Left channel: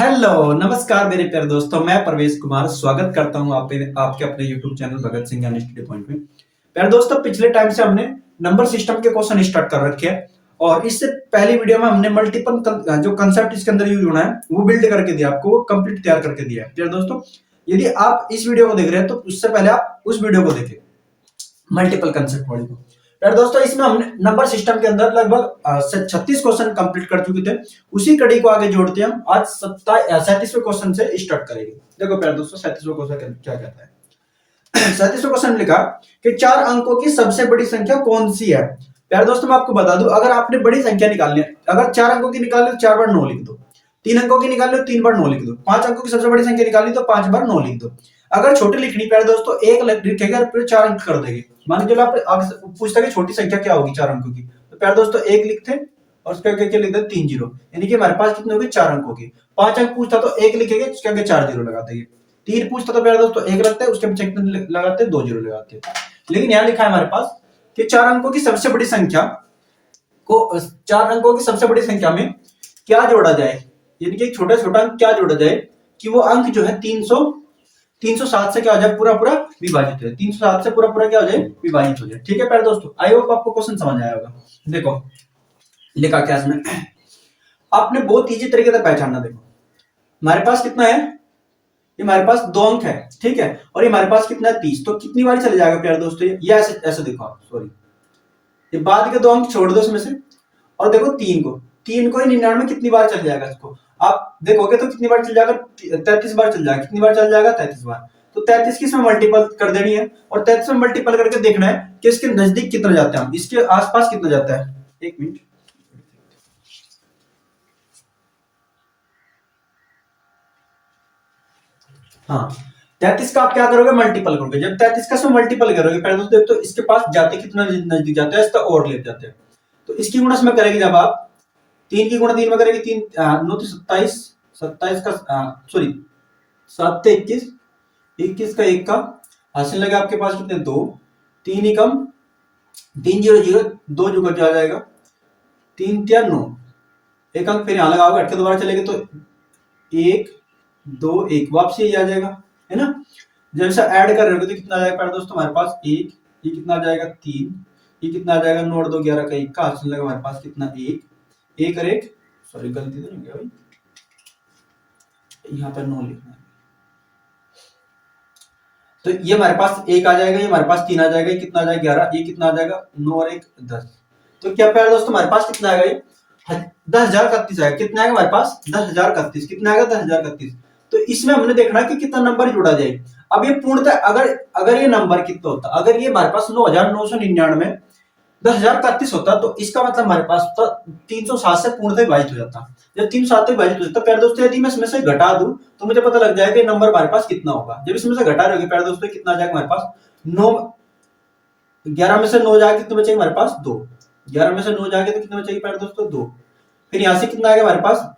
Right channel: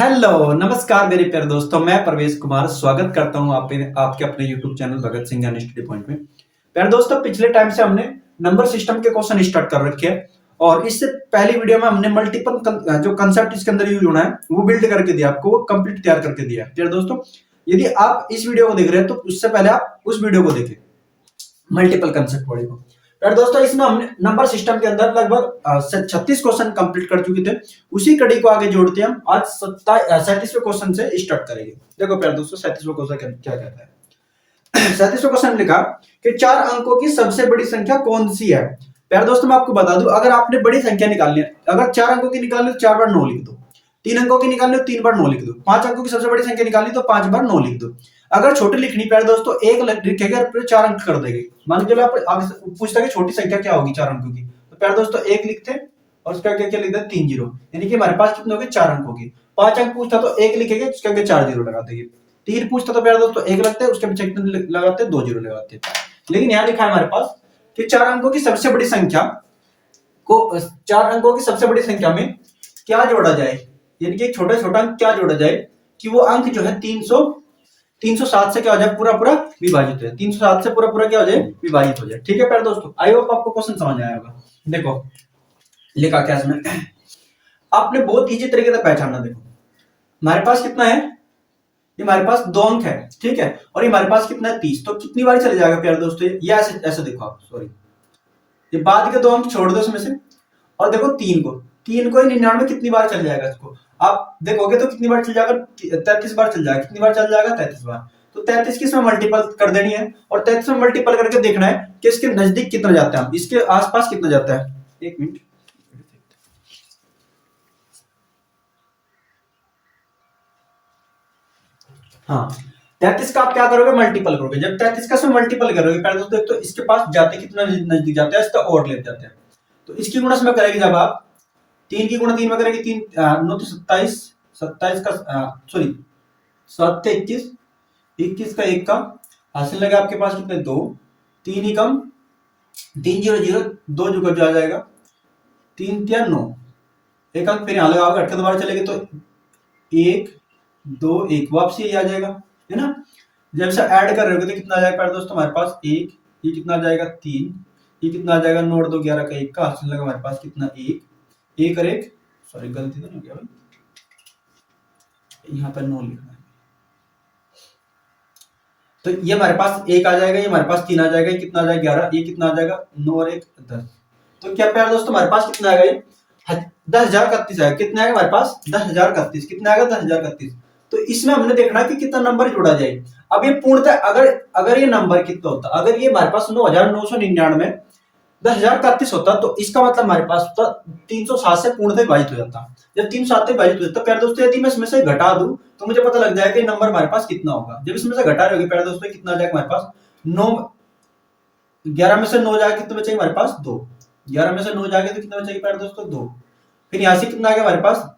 Hello नमस्कार मेरे प्यारे दोस्तों, मैं प्रवेश कुमार स्वागत करता हूं आपके अपने यूट्यूब चैनल भगत सिंह ज्ञान स्टडी पॉइंट में। प्यारे दोस्तों, पिछले टाइम से हमने नंबर सिस्टम के क्वेश्चन स्टार्ट कर रखे हैं और इससे पहली वीडियो में हमने मल्टीपल जो कंसेप्ट इसके अंदर यूज होना है वो बिल्ड करके दिया, आपको वो कंप्लीट तैयार करके दिया। प्यारे दोस्तों, यदि आप इस वीडियो को देख रहे हैं तो उससे पहले आप उस वीडियो को देखें, मल्टीपल कंसेप्ट वाली को। फिर दोस्तों, इसमें हमने नंबर सिस्टम के अंदर लगभग 36 क्वेश्चन कंप्लीट कर चुके थे। उसी कड़ी को आगे जोड़ते हम आज 37वें क्वेश्चन से स्टार्ट करेंगे। देखो प्यारे दोस्तों, 37वां क्वेश्चन क्या कहता है। 37वां क्वेश्चन लिखा कि 4 अंकों की सबसे बड़ी संख्या कौन सी है। प्यारे दोस्तों, मैं आपको बता दूं, अगर आपने बड़ी संख्या निकालनी है, अगर 4 अंकों की निकालनी तो 4 बार 9 लिख दो। 3 अंकों की निकालनी तो 3 बार 9 लिख दो। 5 अंकों की सबसे बड़ी संख्या निकालनी तो 5 बार 9 लिख दो। अगर छोटी लिखनी प्यारे दोस्तों, एक लिखेगा और फिर 4 अंक कर देंगे। मान के चलो आप आगे पूछता है कि छोटी संख्या क्या होगी 4 अंकों की, तो प्यारे दोस्तों 1 लिखते और उसके आगे क्या लिखते 3 जीरो, यानी कि हमारे पास कितने हो गए 4 अंकों की। 5 अंक पूछता तो 1 लिखेंगे, उसके आगे 4 जीरो लगा देंगे। 3 पूछता तो प्यारे दोस्तों 1 लगता है, उसके पीछे कितने लगाते हैं 2 जीरो लगाते हैं। लेकिन यहाँ लिखा है हमारे पास कि 4 अंकों की सबसे बड़ी संख्या को 4 अंकों की सबसे बड़ी संख्या में क्या जोड़ा जाए, यानी कि छोटा छोटा अंक क्या जोड़ा जाए कि वो अंक जो है 307 से क्या हो जाए पूरा पूरा विभाजित हो जाए। 307 से पूरा पूरा क्या हो जाए विभाजित हो जाए। ठीक है प्यारे दोस्तों, आई होप आपको क्वेश्चन समझ आया होगा। देखो लिखा क्या इसमें, आपने बहुत इजी तरीके से पहचानना। देखो हमारे पास कितना है, ये हमारे पास 2 अंक है, ठीक है, और ये हमारे पास कितना है 30। तो कितनी बार चले जाएगा प्यारे दोस्तों, ये ऐसे ऐसे देखो आप, सॉरी ये बाद के 2 अंक छोड़ दो इसमें से, और देखो 3 को 99 कितनी बार चल जाएगा। इसको आप देखोगे तो कितनी बार चल जाएगा, 33 बार चल जाएगा। कितनी बार चल जाएगा 33 बार। तो 33 की इसमें मल्टीपल कर देनी है और 33 में मल्टीपल करके देखना है कि इसके नजदीक कितना जाता है, हम इसके आसपास कितना जाता है। एक मिनट, हाँ 33 का आप क्या करोगे मल्टीपल करोगे। जब 33 का इसमें मल्टीपल करोगे पहले दोस्तों, तो इसके पास जाते कितना नजदीक जाता है, इसका और ले जाते हैं। तो इसकी गुणा इसमें करेंगे, जब आप 3 की गुणा 3 में करेंगे, 3 9 तो 27, 27 का सॉरी 7 से 21, 21 का 1 का हासिल लगा आपके पास कितने 2, 3 ही कम 3 जीरो जीरो 2 जो आ जाएगा 3 या 9, एक अंक फिर यहाँ लगाओगे, हटके दोबारा चलेंगे तो 1 2 1 वापसी यही आ जाएगा, है ना। जब से ऐड कर रहे हो तो कितना आ जाएगा दोस्तों हमारे पास 1, ये कितना आ जाएगा 3, ये कितना आ जाएगा 9 2 11 का 1 का हासिल लगा हमारे पास कितना 1 और 1, सॉरी गलती तो नहीं हो गया भाई, यहाँ पर 9 लिखना है। तो ये हमारे पास 1 आ जाएगा, ये हमारे पास 3 आ जाएगा, ये कितना आ जाएगा 11, ये कितना आ जाएगा 9 और 1 10। तो क्या प्यारे दोस्तों हमारे पास कितना आएगा, ये 10,031 आएगा। कितना आएगा हमारे पास 10,031, कितना आएगा 10,031। तो इसमें हमने देखना कि कितना नंबर जोड़ा जाए। अब ये पूर्णतः अगर ये नंबर कितना होता, अगर ये हमारे पास 9,999 10,031 होता, तो इसका मतलब हमारे पास तो 307 से पूर्णतः विभाजित हो जाता। जब 307 से विभाजित हो जाता प्यारे दोस्तों, यदि मैं इसमें से घटा दूं तो मुझे पता लग जाएगा नंबर हमारे पास कितना होगा। जब इसमें से घटा रहे प्यारे दोस्तों, कितना आ जाएगा हमारे पास 9, 11 में से 9 जाएगा कितने बचेगा हमारे पास 2, 11 में से 9 जाएगा तो कितना बचेगा प्यारे दोस्तों 2। फिर यहाँ से कितना आ गया हमारे पास,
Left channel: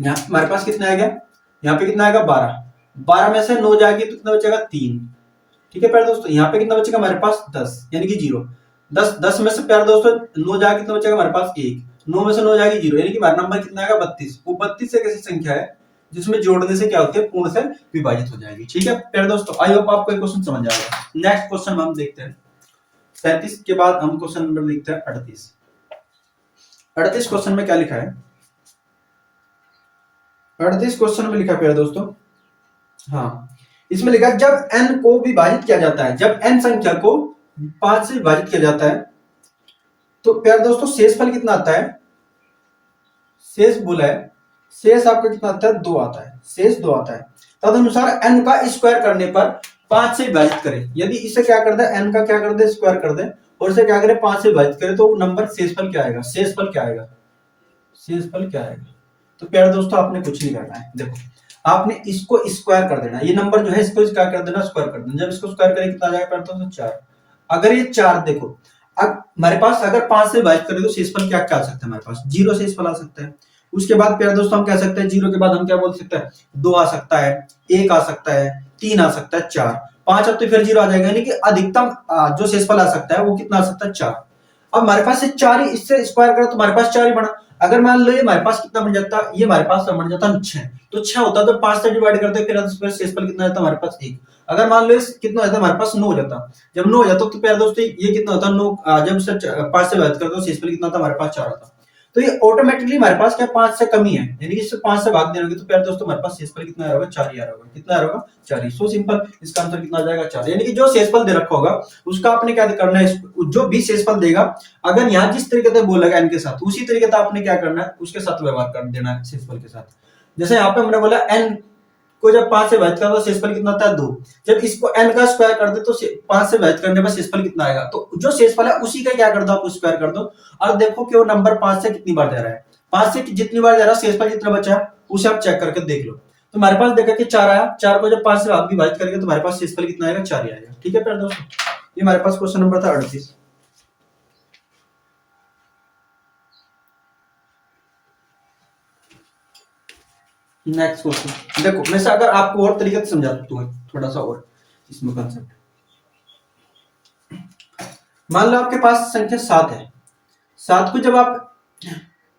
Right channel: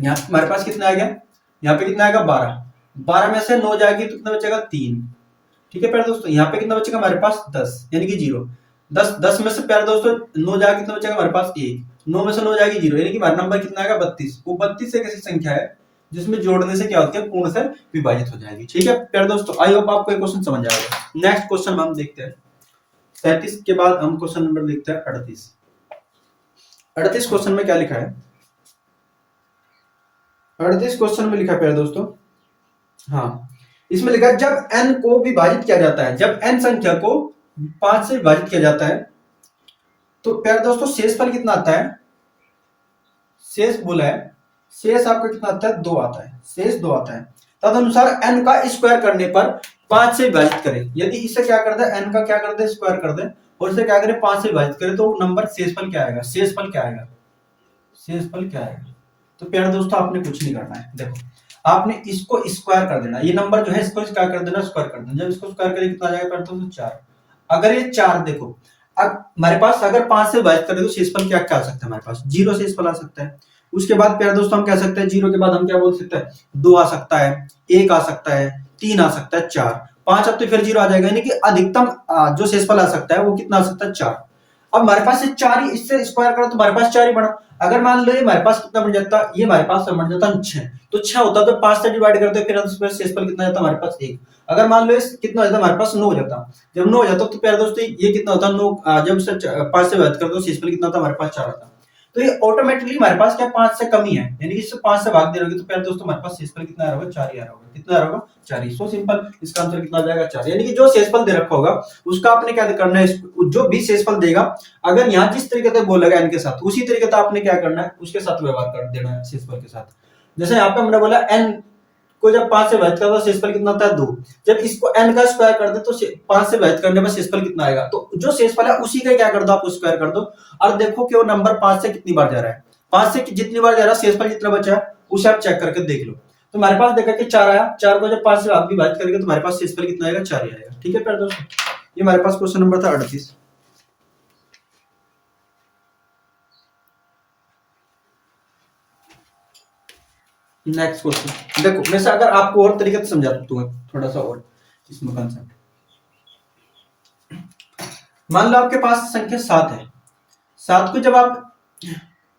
यहाँ हमारे पास कितना आ गया, यहाँ पे कितना आएगा 12, 12 में से 9 जाएगी तो कितना बचेगा 3। ठीक है प्यारे दोस्तों, यहाँ पे कितना बचेगा हमारे पास 10, यानी कि 0। 10 में से प्यारे दोस्तों 9 जाएगा कितना बचेगा हमारे पास 1, 9 में से 9 जाएगी 0, यानी कि हमारा नंबर कितना आएगा 32। वो 32 एक ऐसी संख्या है जिसमें जोड़ने से क्या होती है पूर्ण से विभाजित हो जाएगी। ठीक है प्यारे दोस्तों, आई होप आपको ये क्वेश्चन समझ आएगा। नेक्स्ट क्वेश्चन हम देखते हैं 37 के बाद हम क्वेश्चन नंबर लिखते हैं 38। 38 क्वेश्चन में क्या लिखा है, 38 क्वेश्चन में लिखा है प्यारे दोस्तों, हाँ इसमें लिखा है जब n को विभाजित किया जाता है, जब n संख्या को 5 से विभाजित किया जाता है तो प्यारे दोस्तों शेषफल कितना आता है, शेष बोला है, शेष आपका कितना आता है 2 आता है, शेष 2 आता है। तदनुसार n का स्क्वायर करने पर 5 से विभाजित करें। यदि इसे क्या कर दे, n का क्या कर दे स्क्वायर कर दे और इसे क्या करें 5 से विभाजित करें, तो नंबर शेषफल क्या आएगा, शेषफल क्या आएगा, शेषफल क्या आएगा। तो प्यारे दोस्तों आपने कुछ नहीं करना है, देखो आपने इसको स्क्वायर कर देना, ये नंबर जो है इसको क्या कर देना स्क्वायर कर देना। जब इसको स्क्वायर करें कितना आ जाएगा प्यारे दोस्तों 4। अगर ये 4 देखो, अब हमारे पास अगर 5 से विभाजित करें तो शेषफल क्या क्या आ सकता है हमारे पास 0 शेषफल आ सकता है। उसके बाद प्यारे दोस्तों हम कह सकते हैं 0 के बाद हम क्या बोल सकते हैं 2 आ सकता है, 1 आ सकता है, 3 आ सकता है, 4 5 अब तो फिर 0 आ जाएगा, यानी कि अधिकतम जो शेषफल आ सकता है वो कितना आ सकता है 4। अब हमारे पास 4 ही, इससे स्क्वायर करो तो हमारे पास 4 ही बना। अगर मान लो ये हमारे पास कितना बन जाता, ये हमारे पास बन जाता 6, तो 6 होता तो 5 से डिवाइड करते फिर उसमें शेषफल कितना जाता हमारे पास 1। अगर मान लो ये कितना हो जाता हमारे पास 9 हो जाता, जब 9 हो जाता तो प्यारे दोस्तों ये कितना होता 9, जब उससे 5 से डिवाइड करते तो शेषफल कितना था हमारे पास 4 आता। तो ये ऑटोमेटिकली हमारे पास क्या 5 से कम ही है, यानी कि इससे 5 से भाग दे रहोगे तो प्यारे दोस्तों हमारे पास शेषफल कितना आ रहा होगा 4 ही आ रहा होगा। कितना आ रहा होगा 4 ही। सो सिंपल, इसका आंसर कितना आ जाएगा 4। यानी कि जो शेषफल दे रखा होगा उसका आपने क्या करना है, जो भी शेषफल देगा अगर यहाँ जिस तरीके से बोलेगा n के साथ, उसी तरीके से आपने क्या करना है उसके साथ व्यवहार कर देना है शेषफल के साथ। जैसे यहाँ पे हमने बोला n को जब 5 से विभाजित करते तो शेषफल कितना होता है 2, जब इसको n का स्क्वायर कर दे तो 5 से विभाजित करने पर शेषफल कितना आएगा, तो जो शेषफल है उसी का क्या कर दो आप स्क्वायर कर दो। और देखो कि वो नंबर 5 से कितनी बार जा रहा है, 5 से जितनी बार जा रहा है शेषफल जितना बचा है उसे आप चेक करके देख लो। तो हमारे पास देखा कि 4 आया, 4 को जब 5 से विभाजित करेंगे तो हमारे पास शेषफल कितना आएगा 4 ही आएगा। ठीक है प्यारे दोस्तों, ये हमारे पास क्वेश्चन नंबर था 38। नेक्स्ट क्वेश्चन देखो, वैसे अगर आपको और तरीके से समझा दूं थोड़ा सा और इसमें कंसेप्ट, मान लो आपके पास संख्या 7 है, 7 को जब आप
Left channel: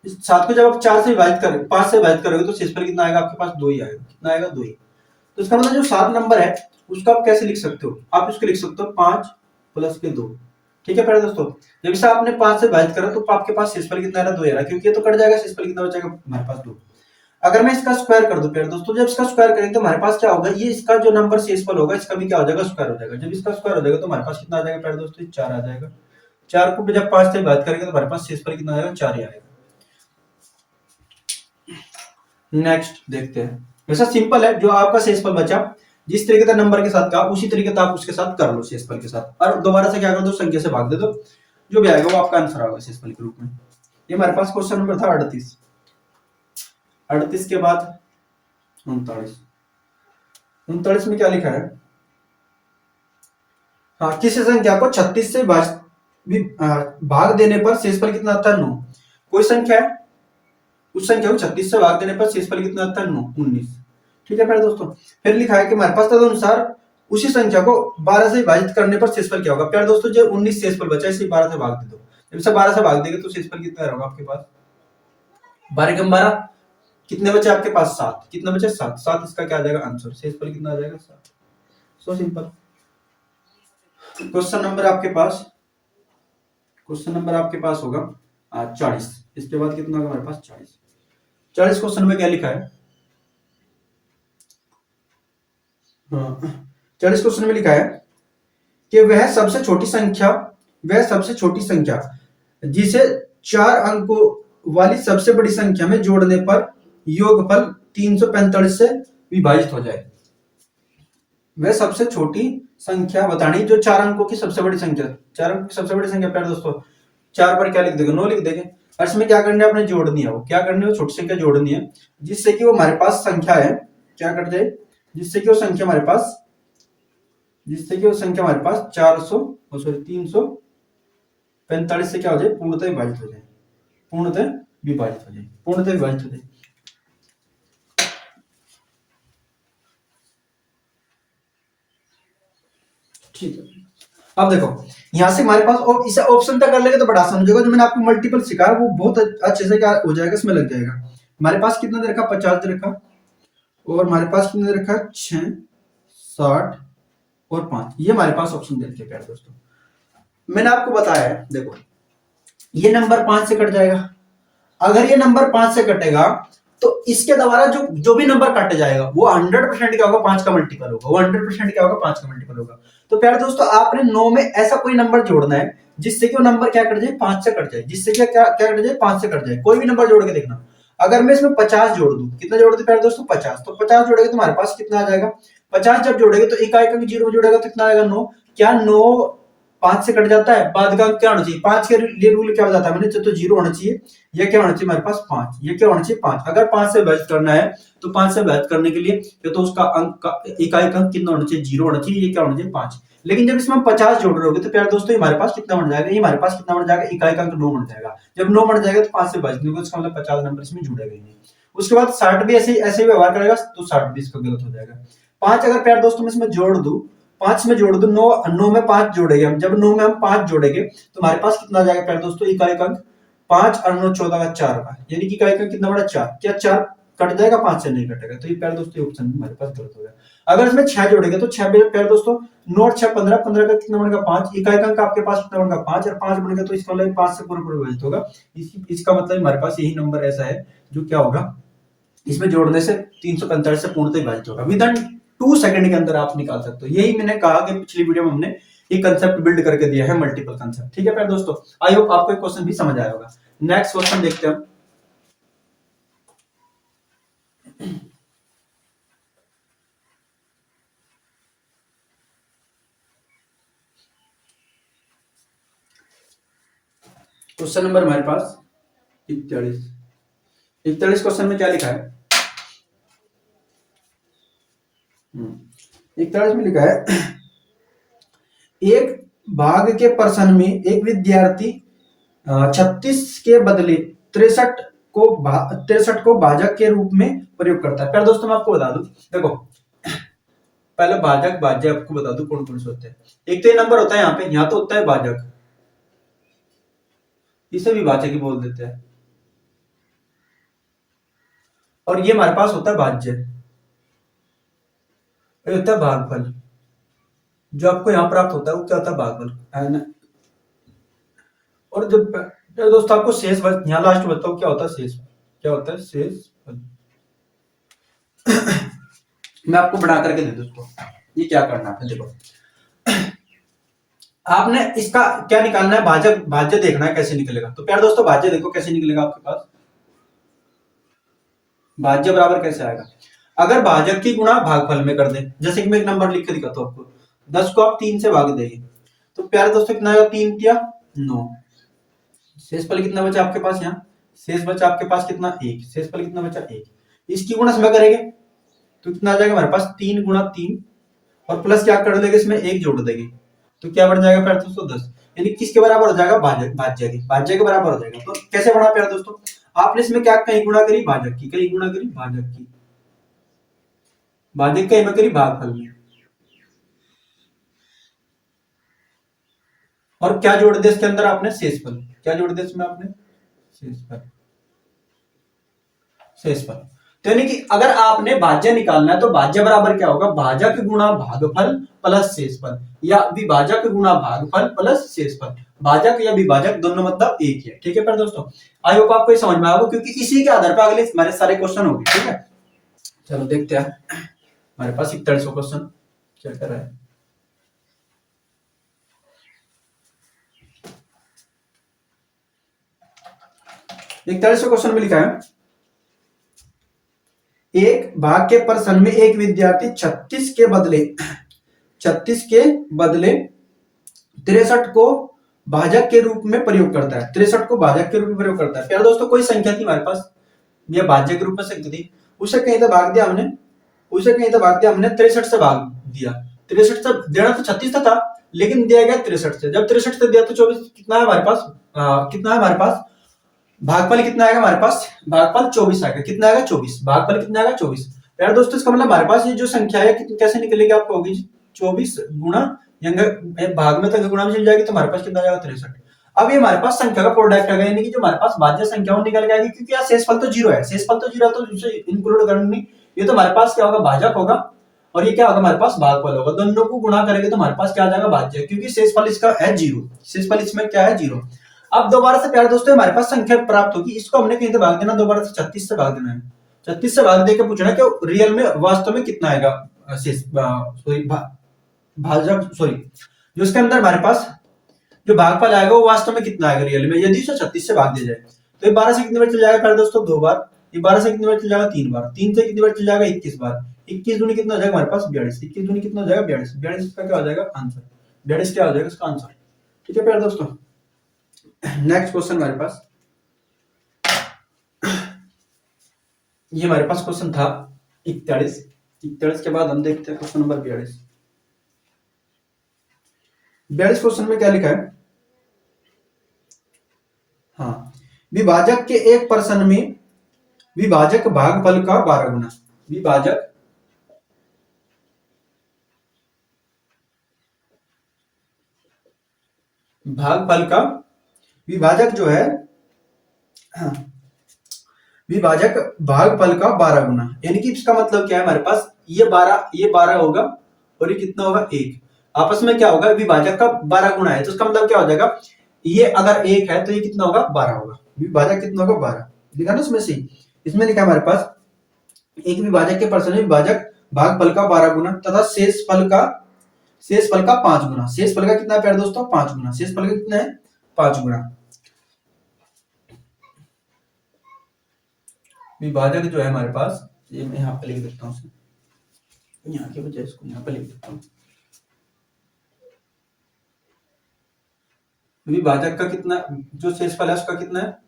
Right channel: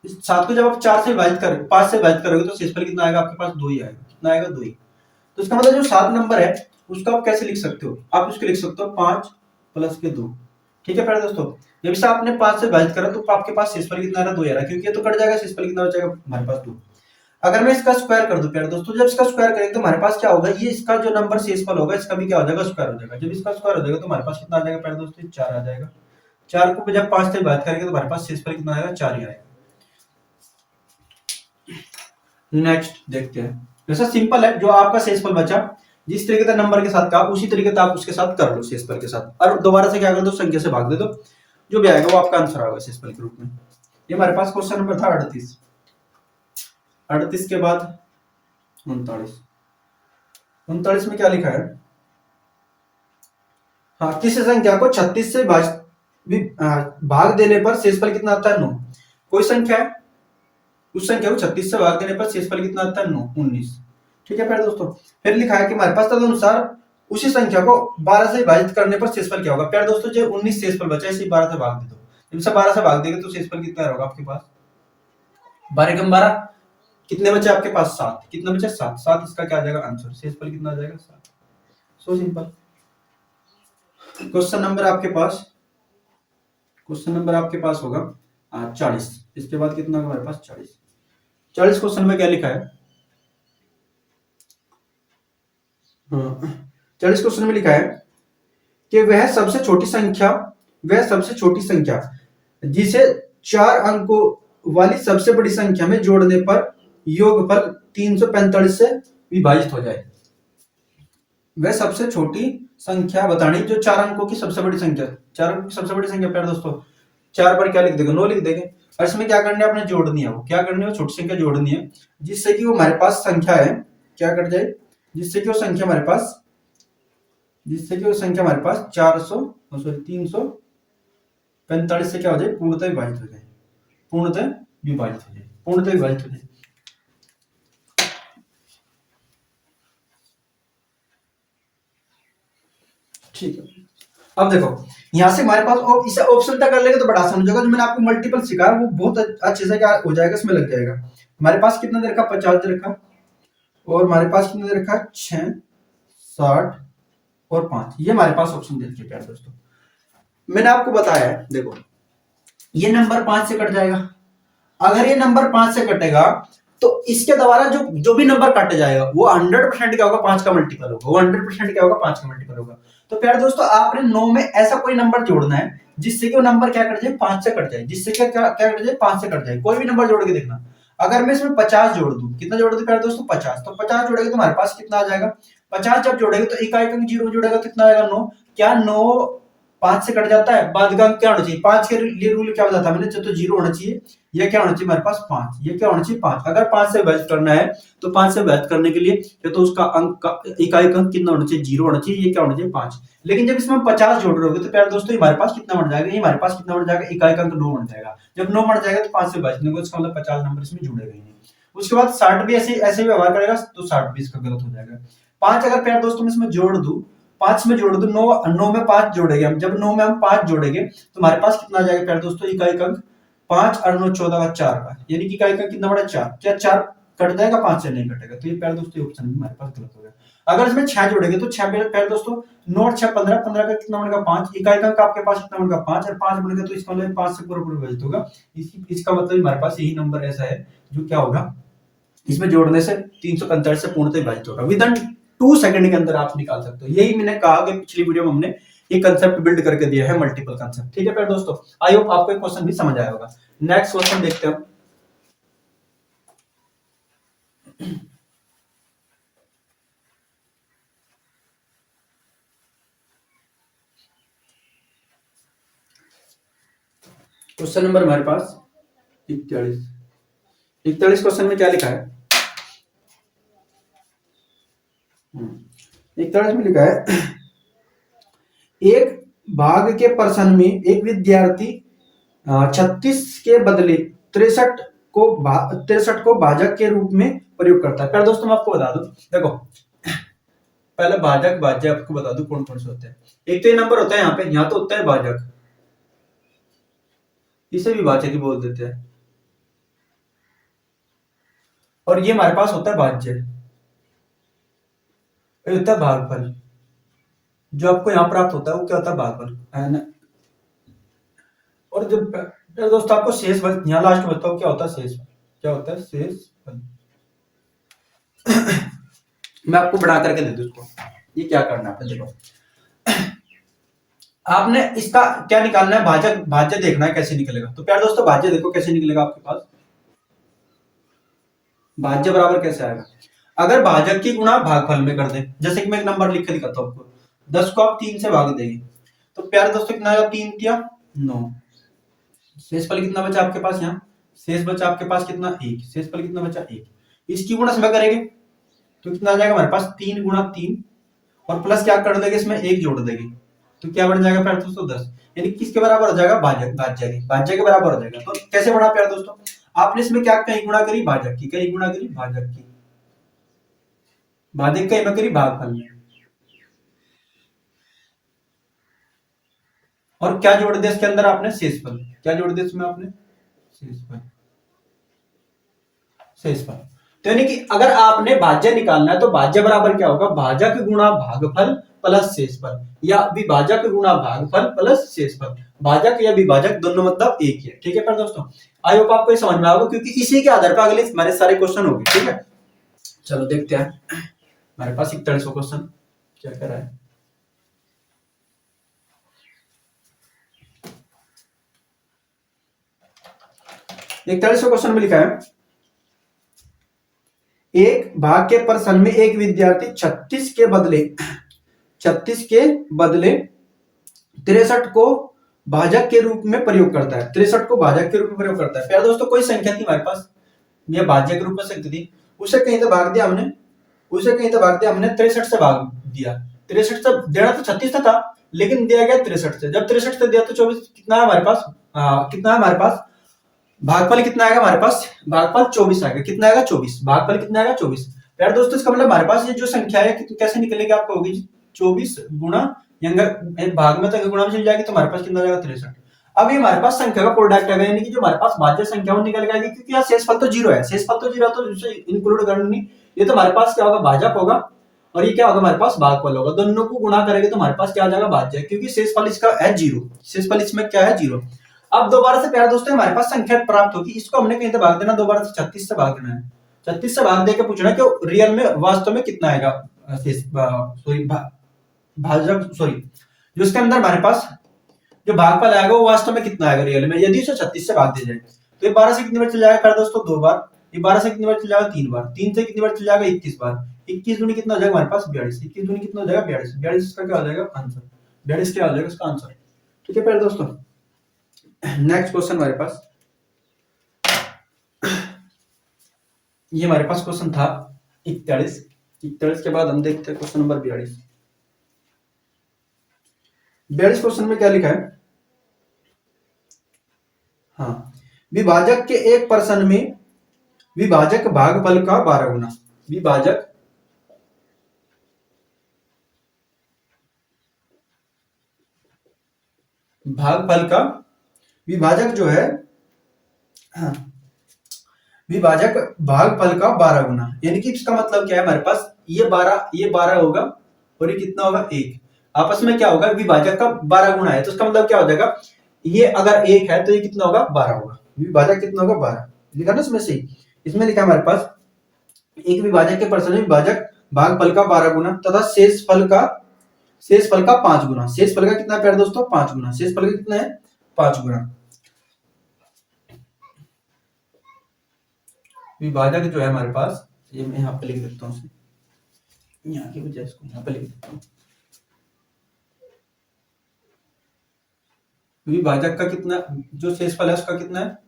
4 से विभाजित करें 5 से विभाजित करोगे तो शेषफल कितना आएगा आपके पास 2 ही आएगा। कितना आएगा 2 ही। तो इसका मतलब जो 7 नंबर है उसको आप कैसे लिख सकते हो, आप उसको लिख सकते हो 5 प्लस के 2। ठीक है प्यारे दोस्तों, जब इसे आपने 5 से विभाजित करा तो आपके पास शेषफल कितना आ रहा है 2 आ रहा है, क्योंकि ये तो कट जाएगा, शेषफल कितना बचेगा हमारे पास 2। अगर मैं इसका स्क्वायर कर दूं प्यारे दोस्तों, जब इसका स्क्वायर करेंगे तो हमारे पास क्या होगा, ये इसका जो नंबर शेषफल होगा इसका भी क्या हो जाएगा स्क्वायर हो जाएगा। जब इसका स्क्वायर हो जाएगा तो हमारे पास कितना आ जाएगा प्यारे दोस्तों 4 आ जाएगा। 4 को जब 5 से विभाजित करेंगे तो हमारे पास शेषफल कितना आएगा 4 ही आएगा। नेक्स्ट देखते हैं, वैसा सिंपल है, जो आपका शेषफल बचा जिस तरीके से नंबर के साथ कहा उसी तरीके से आप उसके साथ कर लो शेषफल के साथ, और दोबारा से क्या कर दो संख्या से भाग दे दो, जो भी आएगा वो आपका आंसर होगा शेषफल के रूप में। ये हमारे पास क्वेश्चन नंबर था 38। 38 के बाद 39। 39 में क्या लिखा है, हाँ, किसी संख्या को 36 से भाग देने पर शेषफल कितना आता है 9। कोई संख्या है, उस संख्या को 36 से भाग देने पर शेषफल कितना आता है 9, 19। ठीक है प्यारे दोस्तों, फिर लिखा है कि हमारे पास तदनुसार उसी संख्या को 12 से विभाजित करने पर शेषफल क्या होगा। प्यारे दोस्तों जो 19 शेषफल बचा है इसे 12 से भाग दे दो, जब इसे 12 से भाग देंगे तो शेषफल कितना होगा आपके पास 12 कम 12 कितने बचे आपके पास 7, कितने बचे 7, 7 इसका क्या आ जाएगा आंसर, शेषफल कितना आ जाएगा 7। So simple. क्वेश्चन नंबर आपके पास होगा 40। इसके बाद कितना होगा हमारे पास 40। 40 क्वेश्चन में क्या लिखा है, 40 क्वेश्चन में लिखा है कि वह सबसे छोटी संख्या जिसे 4 अंकों वाली सबसे बड़ी संख्या में जोड़ने पर योगफल 345 से विभाजित हो जाए। वह सबसे छोटी संख्या बतानी जो 4 अंकों की सबसे बड़ी संख्या, 4 अंकों की सबसे बड़ी संख्या प्यारे दोस्तों 4 पर क्या लिख देंगे 9 लिख देंगे, और इसमें क्या करना है अपने जोड़नी है, वो क्या करनी है, वो छोटी संख्या जोड़नी है जिससे कि वो हमारे पास संख्या है क्या कट जाए, जिससे कि वो संख्या हमारे पास 345 से क्या हो जाए पूर्णतः विभाजित हो जाए। ठीक है, अब देखो यहां से हमारे पास इसे ऑप्शन तक कर लेंगे तो बड़ा आसान हो जाएगा। जो मैंने आपको मल्टीपल सिखाया वो बहुत अच्छे से क्या हो जाएगा, इसमें लग जाएगा। हमारे पास कितना दे रखा 50 दे रखा, और हमारे पास कितना दे रखा 6, 60 और 5, ये हमारे पास ऑप्शन दे रखे प्यारे दोस्तों। मैंने आपको बताया है देखो ये नंबर 5 से कट जाएगा, अगर ये नंबर 5 से कटेगा तो इसके द्वारा जो भी नंबर काटे जाएगा वो 100% क्या होगा 5 का मल्टीपल होगा, वो 100% क्या होगा 5 का मल्टीपल होगा। तो प्यारे दोस्तों आपने 9 में ऐसा कोई नंबर जोड़ना है जिससे कि वो नंबर क्या कट जाए 5 से कट जाए, जिससे क्या कट जाए 5 से कट जाए। कोई भी नंबर जोड़ के देखना, अगर मैं इसमें 50 जोड़ दूं, कितना जोड़ दूं प्यारे दोस्तों 50, तो 50 जोड़ेंगे तो हमारे पास कितना आ जाएगा 50 जब जोड़ेंगे तो इकाई अंक 0 जोड़ेगा तो कितना आएगा 9। क्या 9 5 से कट जाता है, बाद का अंक क्या होना चाहिए 5 के लिए रूल क्या बताता है मैंने, तो 0 होना चाहिए, ये क्या होना चाहिए हमारे पास 5, ये क्या होना चाहिए 5। अगर 5 से विभाजित करना है तो 5 से विभाजित करने के लिए या तो उसका अंक का इकाई अंक कितना होना चाहिए 0 होना चाहिए, ये क्या होना चाहिए 5। लेकिन जब इसमें 50 जोड़ रहे होगे तो प्यारे दोस्तों हमारे पास कितना बन जाएगा, ये हमारे पास कितना बन जाएगा इकाई अंक 9 बन जाएगा। जब 9 बन जाएगा तो 5 से विभाजित होगा, इसका मतलब 50 नंबर इसमें जुड़ेगा ही नहीं। उसके बाद 60 भी ऐसे ही व्यवहार करेगा तो 60 भी इसका गलत हो जाएगा। 5 अगर प्यारे दोस्तों में इसमें जोड़ दूं, 5 में जोड़ दो 9 में 5 जोड़ेंगे हम, जब 9 में हम 5 जोड़ेंगे तो हमारे पास कितना आ जाएगा प्यारे दोस्तों इकाई अंक 5 और 9 14 का 4 का, यानी कि इकाई का कितना बड़ा 4, क्या 4 कट जाएगा 5 से नहीं कटेगा, तो ये प्यारे दोस्तों ऑप्शन हमारे पास गलत हो गया। अगर इसमें 6 जोड़ेंगे तो 6 प्यारे दोस्तों 9 और 6 15, 15 का कितना बनेगा 5, इकाई का अंक आपके पास कितना बनेगा 5, और 5 बनेगा तो इसका मतलब 5 से पूरा पूरा विभाजित होगा। इसका मतलब हमारे पास यही नंबर ऐसा है जो क्या होगा, इसमें जोड़ने से 345 से पूर्णतः विभाजित होगा। विद इन 2 सेकंड के अंदर आप निकाल सकते हो। यही मैंने कहा कि पिछली वीडियो में हमने ये कंसेप्ट बिल्ड करके दिया है, मल्टीपल कंसेप्ट। ठीक है प्यारे दोस्तों, आई होप आपको ये क्वेश्चन भी समझ आया होगा। नेक्स्ट क्वेश्चन देखते हैं। क्वेश्चन नंबर हमारे पास 41 क्वेश्चन में क्या लिखा है, 41 में लिखा है, एक भाग के प्रश्न में एक विद्यार्थी 36 के बदले 63 को भाजक के रूप में प्रयोग करता है। पहले दोस्तों मैं आपको बता दूं, देखो पहले भाजक भाज्य आपको बता दूं कौन कौन से होते हैं। एक तो ये नंबर होता है यहाँ पे, यहाँ तो होता है भाजक, इसे भी भाजक ही बोल देते हैं, और ये हमारे पास होता है भाज्य, ये होता है भागफल। जो आपको यहाँ प्राप्त होता है वो क्या होता है, भागफल। और जब दोस्तों आपको शेष फल, यहाँ लास्ट बताओ क्या होता है शेष, क्या होता है शेष फल। मैं आपको बढ़ा करके दे दूं उसको, ये क्या करना है देखो, आपने इसका क्या निकालना है, भाजक भाज्य देखना है कैसे निकलेगा। तो प्यार दोस्तों भाज्य देखो कैसे निकलेगा आपके पास, भाज्य बराबर कैसे आएगा, अगर भाजक की गुणा भागफल में कर दे, जैसे कि मैं एक नंबर लिख के दिखाता हूँ आपको, 10 को आप 3 से भाग देंगे तो प्यारे दोस्तों कितना आएगा, 3 दिया 9, शेषफल कितना बचा आपके पास, यहाँ शेष बचा आपके पास कितना 1, शेषफल कितना बचा 1, इसकी गुणा समय करेंगे तो कितना आ जाएगा हमारे पास 3 गुणा 3, और प्लस क्या कर देंगे इसमें 1 जोड़ देंगे तो क्या बन जाएगा प्यारे दोस्तों 10, यानी किसके बराबर हो जाएगा, भाज्य के बराबर हो जाएगा। तो कैसे बढ़ा प्यारे दोस्तों, आपने इसमें क्या कहीं गुणा करी भाजक की, कहीं गुणा करी भाजक की, भाजक कहीं करी भागफल में, और क्या जोड़ दिया इसके अंदर आपने शेषफल, क्या जोड़ दिया इसमें आपने शेषफल, शेषफल। तो यानी कि अगर आपने भाज्य निकालना है तो भाज्य बराबर क्या होगा, भाजक गुणा भागफल प्लस शेषफल, या विभाजक गुणा भागफल प्लस शेषफल। भाजक या विभाजक दोनों मतलब एक ही है। ठीक है पर दोस्तों, आई होप आपको ये समझ में आएगा, क्योंकि इसी के आधार पर अगले हमारे सारे क्वेश्चन होंगे। ठीक है, चलो देखते हैं हमारे पास 41वां क्वेश्चन क्या कर रहा है। 41वां क्वेश्चन में लिखा है, एक भाग के प्रश्न में एक विद्यार्थी 36 के बदले 63 को भाजक के रूप में प्रयोग करता है, 63 को भाजक के रूप में प्रयोग करता है। प्यारे दोस्तों कोई संख्या थी हमारे पास, यह भाज्य के रूप में संख्या थी, उसे कहीं तो भाग दिया हमने, उसे कहीं तो भाग दिया हमने 63 से भाग दिया, 63 से देना तो 36 था लेकिन दिया गया 63 से, जब 63 से दिया तो 24 कितना है हमारे पास, कितना है हमारे पास भागफल कितना आएगा हमारे पास, भागफल 24 आएगा, कितना आएगा 24, भागफल कितना आएगा 24। यार दोस्तों इसका मतलब हमारे पास ये जो संख्या है कैसे निकलेगी आपको, होगी 24 गुणा भाग में तो गुणा में चल जाएगी तो हमारे पास कितना जाएगा 63। अब ये हमारे पास संख्या का प्रोडक्ट है, यानी कि जो हमारे पास भाज्य संख्या वो निकल जाएगी, क्योंकि यार शेषफल तो जीरो है, शेषफल तो जीरो तो इसे इंक्लूड करनी, ये तो हमारे पास क्या होगा भाजक होगा, और ये क्या होगा हमारे पास भागफल होगा, दोनों को गुणा करेंगे तो हमारे पास क्या आ जाएगा भाज्य, क्योंकि शेषफल इसका है जीरो, शेषफल इसमें क्या है जीरो। अब दोबारा से प्यारे दोस्तों हमारे पास संख्या प्राप्त होगी, इसको हमने कहीं से भाग देना, दोबारा से 36 से भाग देना है, 36 से भाग देकर पूछना कि रियल में वास्तव में कितना आएगा भाजक जो इसके अंदर हमारे पास जो भागफल आएगा वो वास्तव में कितना आएगा रियल में, यदि उसे 36 से भाग दिया जाए तो ये 12 से कितनी बार चल जाएगा प्यारे दोस्तों 2 बार, ये 12 से कितनी बार चल जाएगा 3 बार, 3 से कितनी बार चल जाएगा 21 बार, 21 दूनी कितना हो जाएगा हमारे पास 42, 21 दूनी कितना हो जाएगा 42, 42 इसका क्या हो जाएगा आंसर, 42 क्या हो जाएगा इसका आंसर। ठीक है प्यारे दोस्तों, नेक्स्ट क्वेश्चन हमारे पास, ये हमारे पास क्वेश्चन था 41, 41 के बाद हम देखते हैं क्वेश्चन नंबर 42। 42 क्वेश्चन में क्या लिखा है, हाँ विभाजक के एक प्रश्न में विभाजक भागफल का 12 गुना, विभाजक भागफल का, विभाजक जो है हाँ, विभाजक भागफल का 12 गुना, यानी कि इसका मतलब क्या है, हमारे पास ये 12 होगा और ये कितना होगा 1, आपस में क्या होगा, विभाजक का 12 गुना है, तो इसका मतलब क्या हो जाएगा, ये अगर 1 है तो ये कितना होगा 12 होगा, विभाजक कितना होगा 12, लिखा ना इसमें से, इसमें लिखा हमारे पास एक विभाजक के परसेंट विभाजक भागफल का 12 गुना तथा शेष फल का 5 गुना, शेष फल का कितना है प्यारे दोस्तों 5 गुना, शेष फल का कितना है 5 गुना। विभाजक जो है हमारे पास, ये मैं यहाँ पे लिख देता हूँ, यहाँ की बजाय इसको यहाँ पे लिख देता हूँ, विभाजक का कितना, जो शेषफल है उसका कितना है,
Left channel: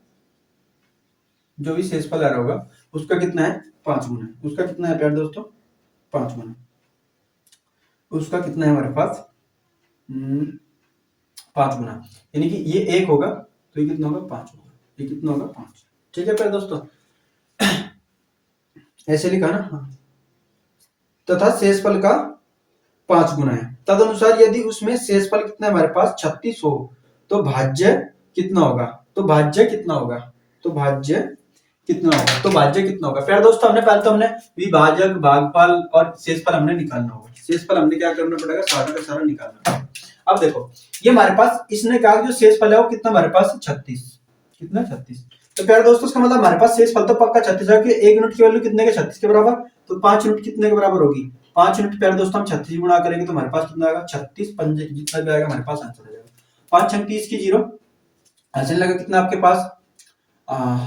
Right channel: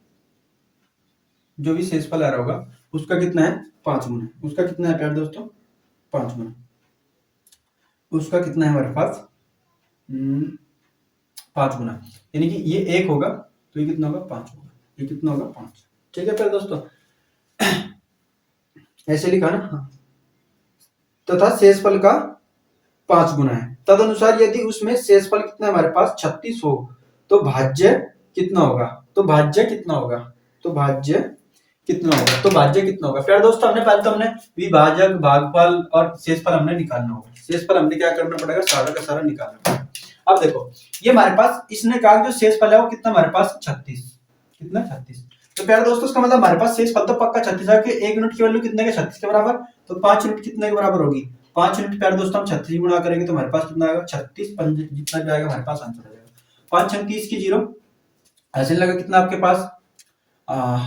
जो भी शेषफल आ रहा होगा उसका कितना है 5 गुना, उसका कितना है प्यारे दोस्तों 5 गुना, उसका कितना है हमारे पास 5 गुना, यानी कि ये 1 होगा तो ये कितना होगा 5 होगा, ये कितना होगा 5, ठीक है प्यारे दोस्तों, ऐसे लिखा ना, हाँ, तथा शेषफल का 5 गुना है, तदनुसार यदि उसमें शेषफल कितना है हमारे पास 36 हो तो भाज्य कितना होगा, तो भाज्य कितना होगा, तो भाज्य कितना होगा, तो भाज्य कितना होगा प्यारे दोस्तों, हमने पहले तो हमने विभाजक भागफल और शेषफल हमने निकालना होगा, शेषफल हमने क्या करना पड़ेगा, सारा का सारा निकालना पड़ेगा। अब देखो ये हमारे पास, इसने कहा जो शेषफल है वो कितना हमारे पास 36, कितना 36, तो प्यारे दोस्तों इसका मतलब हमारे पास शेषफल तो पक्का 36 है कि 1 यूनिट की वैल्यू कितने के 36 के बराबर, तो 5 यूनिट कितने के बराबर होगी, 5 यूनिट प्यारे दोस्तों हम 36 गुणा करेंगे तो हमारे पास कितना आएगा 36 पंजे जितना भी आएगा हमारे पास आंसर आ जाएगा, 5 छंग 30 की 0, हासिल लगा कितना आपके पास,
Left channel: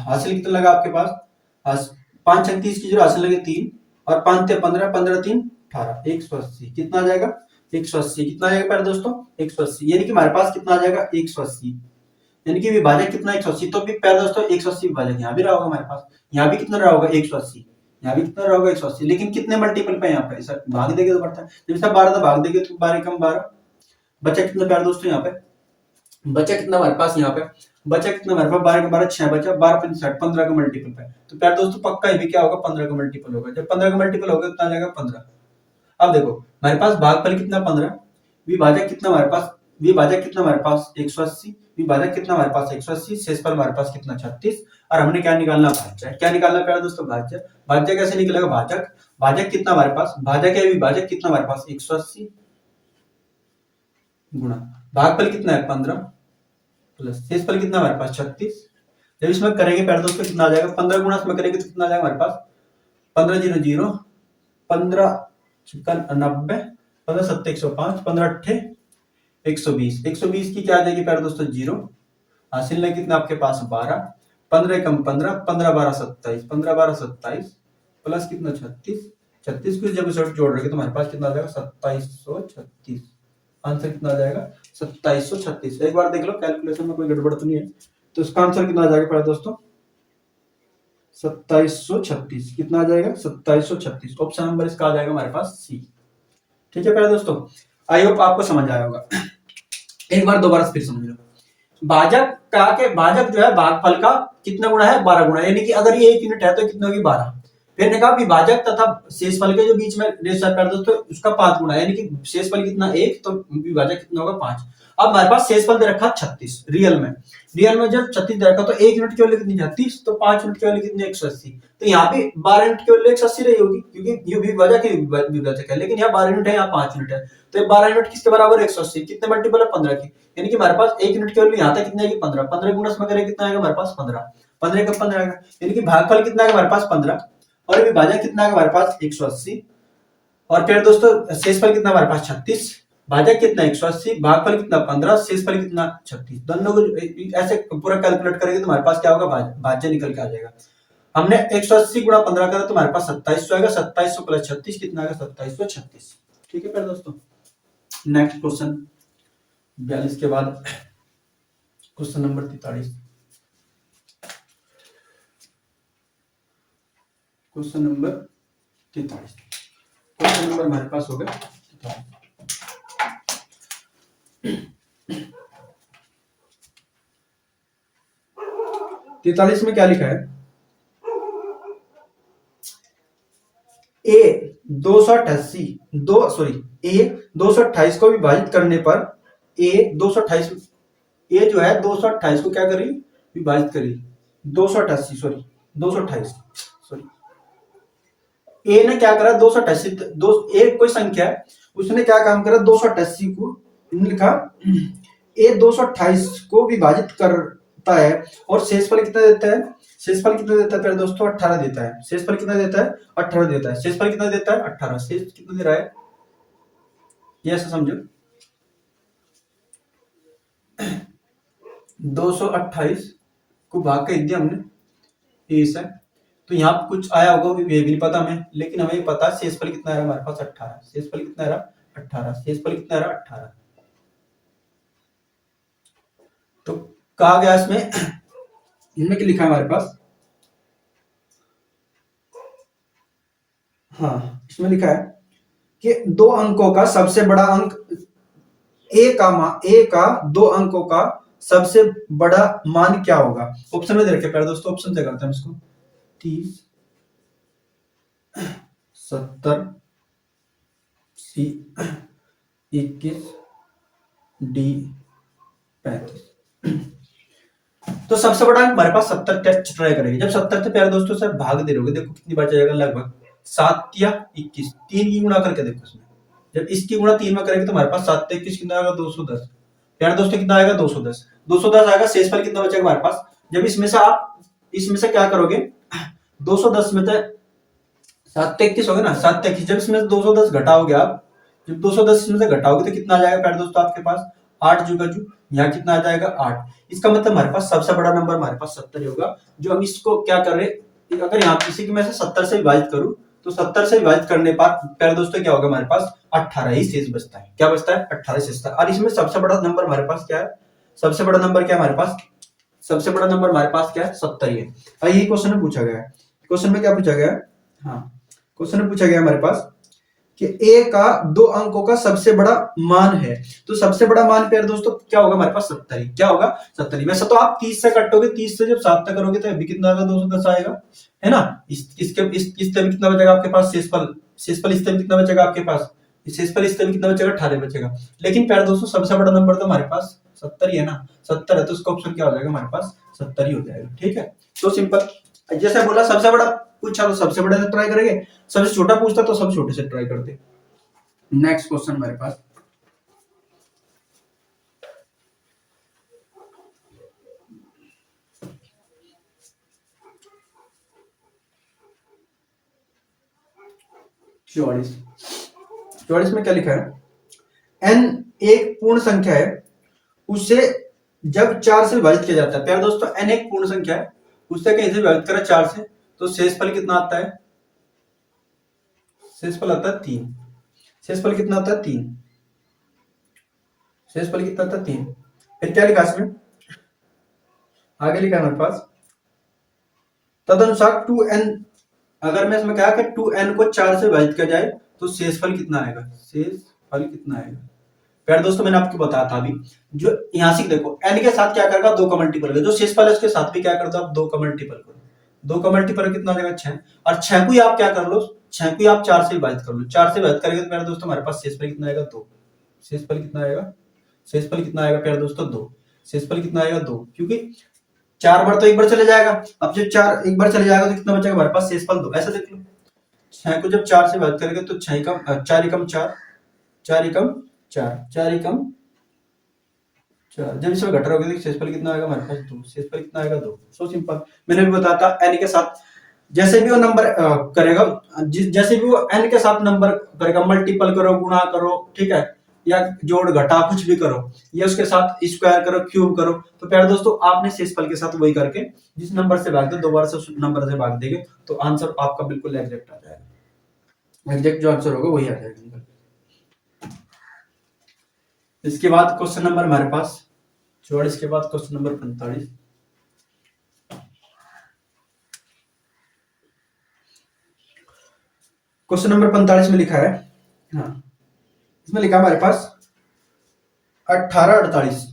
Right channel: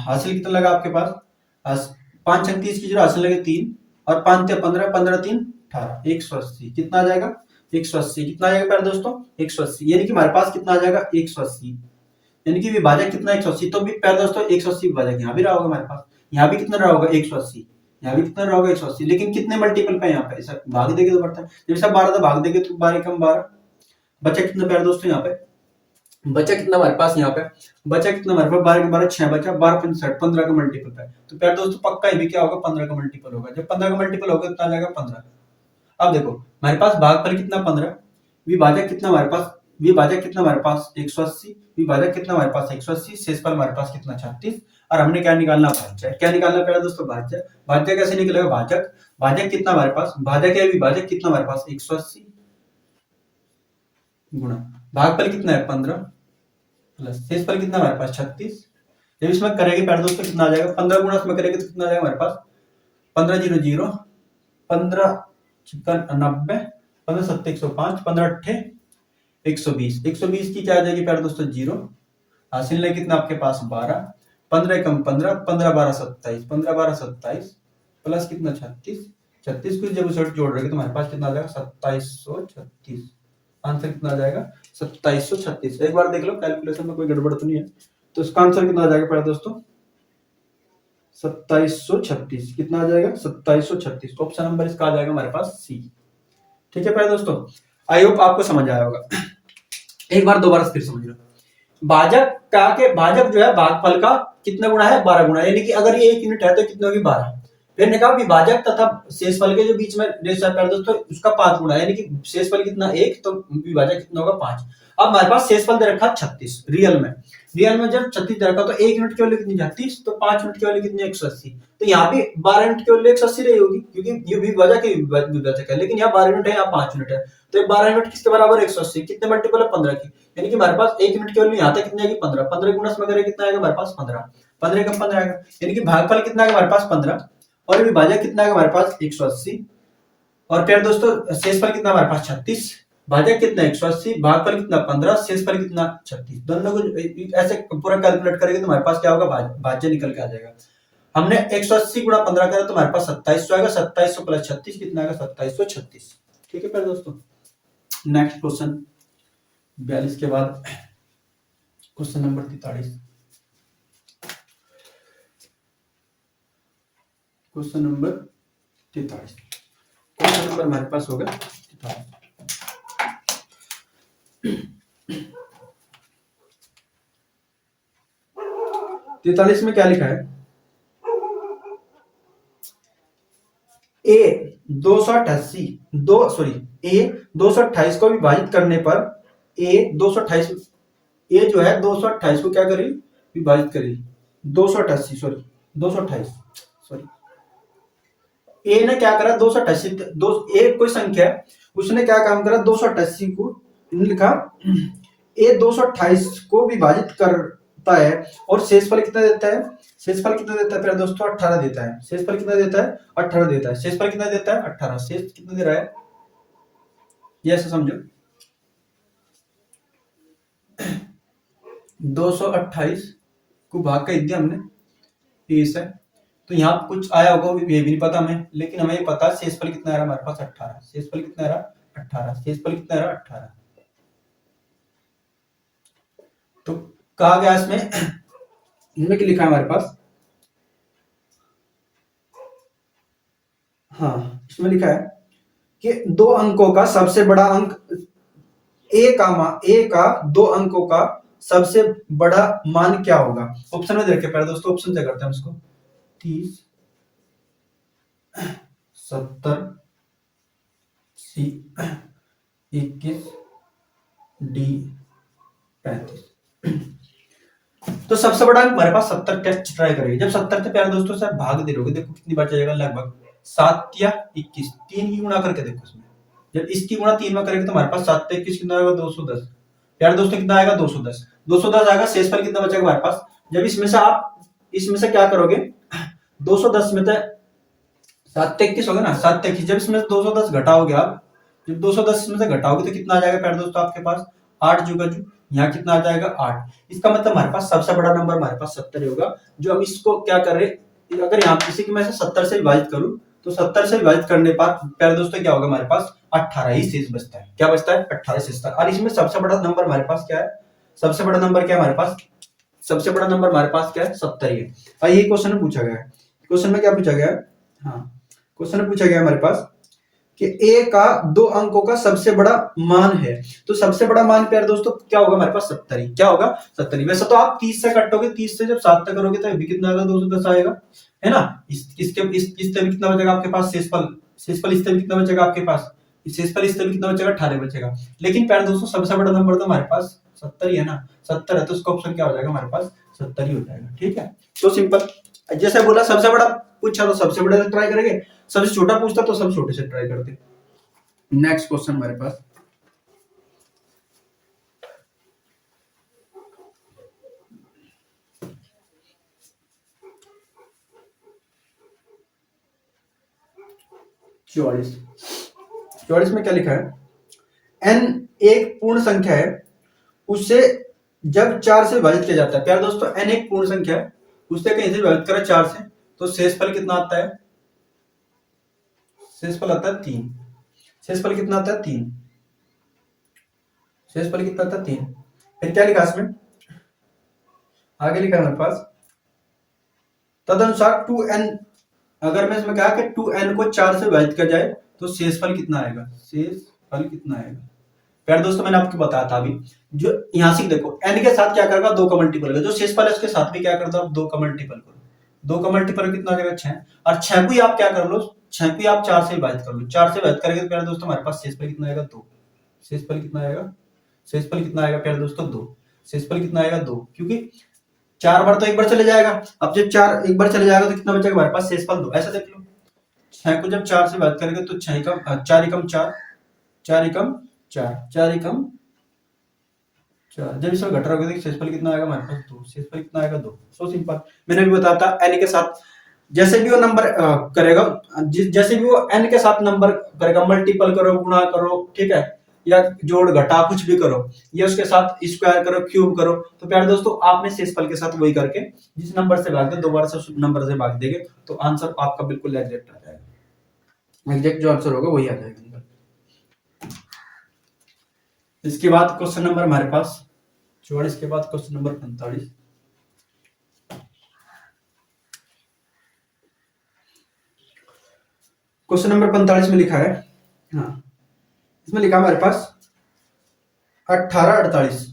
हासिल कितना लगा आपके पास 5 छंग 30 की 0, हासिल लगे 3 और 5 थे 15, 15 3 18, 180 कितना आ जाएगा 180, कितना आ जाएगा प्यारे दोस्तों 180, यानी कि हमारे पास कितना आ जाएगा 180, यानी कि विभाजक कितना 180, तो भी प्यारे दोस्तों 180 विभाजक यहाँ भी रहा होगा हमारे पास, यहाँ भी कितना रहा होगा 180, यहाँ भी कितना रहा होगा 180, लेकिन कितने मल्टीपल पे यहाँ पे सर भाग देंगे तो बढ़ता है, जब सब 12 भाग देंगे तो 12 कम 12, बचा कितना प्यारे दोस्तों यहाँ पे, बचा कितना हमारे पास यहाँ पे, बचा कितना हमारे पास 12 के 12 6 बचा, 12 5 60, 15 का मल्टीपल पे, तो प्यारे दोस्तों पक्का ये भी क्या होगा 15 का मल्टीपल होगा, जब 15 का मल्टीपल होगा कितना आ जाएगा 15। अब देखो हमारे पास भागफल कितना 15, विभाजक कितना हमारे पास, विभाजक कितना हमारे पास 180, विभाजक कितना हमारे पास 180, शेषफल हमारे पास कितना 36, और हमने क्या निकालना भाज्य, क्या निकालना प्यारे दोस्तों भाज्य, भाज्य कैसे निकलेगा, भाजक, भाजक कितना हमारे पास, भाजक या विभाजक कितना हमारे पास 180 गुणा भागफल कितना है 15 प्लस शेषफल कितना हमारे पास 36, जब इसमें करेंगे प्यारे दोस्तों कितना आ जाएगा, 15 गुणा इसमें करेंगे तो कितना आ जाएगा हमारे पास 15 0 0, 15 56 90, 15 7 105, 15 8 120, 120 की क्या आ जाएगी प्यारे दोस्तों 0, हासिल में कितना आपके पास 12, 15 कम 15, 15 12 27, 15 12 27 प्लस कितना 36, 36 को जब जोड़ रहे तो हमारे पास कितना आ जाएगा 2736, आंसर कितना आ जाएगा 2736, एक बार देख लो कैलकुलेशन में कोई गड़बड़ तो नहीं है, तो इसका आंसर कितना आ जाएगा प्यारे दोस्तों 2736, कितना आ जाएगा 2736, ऑप्शन नंबर इसका आ जाएगा हमारे पास सी, ठीक है प्यारे दोस्तों, आई होप आपको समझ आया होगा, एक बार दोबारा फिर समझ लो, भाजक का के भाजक जो है भागफल का कितना गुना है 12 गुना, यानी कि अगर ये 1 यूनिट है तो कितना होगी 12, फिर ने कहा विभाजक तथा शेषफल के जो बीच में रेशियो है दोस्तों उसका 5 गुना, यानी कि शेषफल कितना 1 तो विभाजक कितना होगा 5, अब हमारे पास शेषफल दे रखा 36, रियल में जब 36 दे रखा तो 1 यूनिट की वैल्यू कितनी 36, तो 5 यूनिट की वैल्यू कितनी 180, तो यहाँ भी 12 यूनिट की वैल्यू 180 रही होगी क्योंकि ये विभाजक है, लेकिन यहाँ 12 यूनिट है यहाँ 5 यूनिट है, तो 12 यूनिट किसके बराबर 180, कितने मल्टीपल है 15 की, यानी कि हमारे पास 1 यूनिट की वैल्यू यहाँ तक कितनी आएगी 15, 15 गुणा इसमें करें कितना आएगा हमारे पास 15, 15 का 15 आएगा, यानी कि भागफल कितना आएगा हमारे पास 15 और विभाजक कितना आएगा हमारे पास 180, और फिर दोस्तों शेषफल कितना हमारे पास 36, भाजक कितना 180, भागफल कितना 15, शेषफल कितना 36, दोनों को ऐसे पूरा कैलकुलेट करेंगे तो हमारे पास क्या होगा भाज्य निकल के आ जाएगा, हमने 180 गुणा 15 करा तो हमारे पास 2700 आएगा, 2700 प्लस 36 कितना आएगा 2736, ठीक है फिर दोस्तों, नेक्स्ट क्वेश्चन 42 के बाद question number 43, question number 43, question number हमारे पास होगा 43 में क्या लिखा है, ए 228 को विभाजित करने पर ए 228 ए जो है 228 को क्या करी विभाजित करी, 288 सॉरी 228 सॉरी। ए ने क्या करा 288 दो एक कोई संख्या है, उसने क्या काम करा 288 को लिखा, ए 228 को विभाजित करता है और शेषफल कितना देता है, शेषफल कितना देता है प्यारे दोस्तों 18 देता है। शेषफल कितना देता है 18 देता है। शेषफल कितना देता है 18। शेष कितना दे रहा है ये ऐसा समझो 228 को भाग कर दिया हमने ए से, तो यहाँ कुछ आया होगा ये भी नहीं पता हमें, लेकिन हमें ये पता है शेषफल कितना आ रहा हमारे पास 18। शेषफल कितना आ रहा 18। शेषफल कितना आ रहा 18। तो कहा गया इसमें इनमें क्या लिखा है हमारे पास, हाँ इसमें लिखा है कि दो अंकों का सबसे बड़ा अंक ए का दो अंकों का सबसे बड़ा मान क्या होगा। ऑप्शन में देख पहले दोस्तों ऑप्शन से करते हैं इसको 30 70 सी 21 डी 35। तो सबसे बड़ा अंक हमारे पास 70 टेस्ट ट्राई करेंगे। जब 70 से प्यारे दोस्तों से भाग दे रहोगे, देखो कितनी बार जाएगा लगभग 7 या 21, 3 की गुणा करके देखो इसमें। जब इसकी गुणा 3 में करेंगे तो हमारे पास 7 21 कितना आएगा 210। प्यारे दोस्तों कितना आएगा 210। 210 आएगा। शेषफल कितना बचेगा हमारे पास। जब इसमें से आप इसमें से क्या करोगे 210 में से 7 21 हो गया ना 7 21, जब इसमें 210 घटाओगे आप, जब 210 में से घटाओगे तो कितना आ जाएगा प्यारे दोस्तों आपके पास 8 जुगा जू, यहाँ कितना आ जाएगा 8। इसका मतलब हमारे पास सबसे बड़ा नंबर हमारे पास 70 होगा। जो हम इसको क्या कर रहे, अगर यहाँ किसी की मैं 70 से विभाजित करूं तो 70 से विभाजित करने पर प्यारे दोस्तों क्या होगा हमारे पास 18 ही शेष बचता है। क्या बचता है 18 शेष बचता है। और इसमें सबसे बड़ा नंबर हमारे पास क्या है, सबसे बड़ा नंबर क्या है हमारे पास, सबसे बड़ा नंबर हमारे पास क्या है 70 ही है। और ये क्वेश्चन में पूछा गया है। क्वेश्चन में क्या पूछा गया है, हाँ क्वेश्चन में पूछा गया हमारे पास कि ए का दो अंकों का सबसे बड़ा मान है। तो सबसे बड़ा मान प्यारे दोस्तों क्या होगा हमारे पास 70 ही। क्या होगा 70 ही। वैसे तो आप 30 से काटोगे, 30 से जब 7 तक करोगे तो अभी कितना आएगा 210 आएगा, है ना। इससे भी कितना बचेगा आपके पास शेषफल, शेषफल इससे भी कितना बचेगा आपके पास, शेषफल इससे भी कितना बचेगा 18 बचेगा। लेकिन प्यारे दोस्तों सबसे बड़ा नंबर तो हमारे पास 70 ही है ना, 70 है तो उसका ऑप्शन क्या हो जाएगा हमारे पास 70 ही हो जाएगा। ठीक है तो सिंपल। जैसे बोला सबसे बड़ा पूछा तो सबसे बड़े से ट्राई करेंगे, सबसे छोटा पूछता तो सबसे छोटे से ट्राई करते। नेक्स्ट क्वेश्चन हमारे पास चौवालीस। 44 में क्या लिखा है, n एक पूर्ण संख्या है, उससे जब 4 से विभाजित किया जाता है। प्यारे दोस्तों n एक पूर्ण संख्या है, उससे कहीं से विभाजित करें 4 से तो शेषफल कितना आता है, शेषफल आता है 3। शेषफल कितना आता है 3। शेषफल कितना आता है 3। फिर क्या लिखा इसमें, आगे लिखा है हमारे पास तदनुसार 2n, अगर मैं इसमें कहा कि 2n को 4 से विभाजित किया जाए तो शेषफल कितना आएगा, शेषफल कितना आएगा। प्यारे दोस्तों मैंने आपको बताया था अभी, जो यहां से देखो n के साथ क्या करेगा 2 का मल्टीपल करेगा, जो शेषफल है उसके साथ भी क्या कर दो आप 2 का मल्टीपल करो। 2 का मल्टीपल कितना हो जाएगा 6, और 6 को ही आप क्या कर लो, 6 को ही आप 4 से विभाजित कर लो। 4 से विभाजित करेंगे तो प्यारे दोस्तों हमारे पास शेषफल कितना आएगा 2। शेषफल कितना आएगा, शेषफल कितना आएगा प्यारे दोस्तों 2। शेषफल कितना आएगा 2, क्योंकि 4 बार तो एक बार चले जाएगा। अब जब 4 एक बार चले जाएगा तो कितना बचेगा हमारे पास शेषफल 2। ऐसा देख लो 6 को जब 4 से विभाजित करेंगे तो 6 एकम 4 एकम 4, 4 एकम 4, 4 एकम 4, जब इसमें घटा रहोगे तो शेषफल कितना आएगा हमारे पास 2। शेषफल कितना आएगा 2। So simple. मैंने भी बताया था n के साथ जैसे भी वो नंबर करेगा, जैसे भी वो n के साथ नंबर करेगा, मल्टीपल करो, गुणा करो, ठीक है, या जोड़ घटा कुछ भी करो, या उसके साथ स्क्वायर करो, क्यूब करो, तो प्यारे दोस्तों आपने शेषफल के साथ वही करके जिस नंबर से भाग दो दोबारा से उस नंबर से भाग देंगे तो आंसर आपका बिल्कुल एग्जैक्ट आ जाएगा। एग्जैक्ट जो आंसर होगा वही आ जाएगा। इसके बाद क्वेश्चन नंबर हमारे पास 44 के बाद क्वेश्चन नंबर 45। क्वेश्चन नंबर 45 में लिखा है, हाँ इसमें लिखा हमारे पास 1848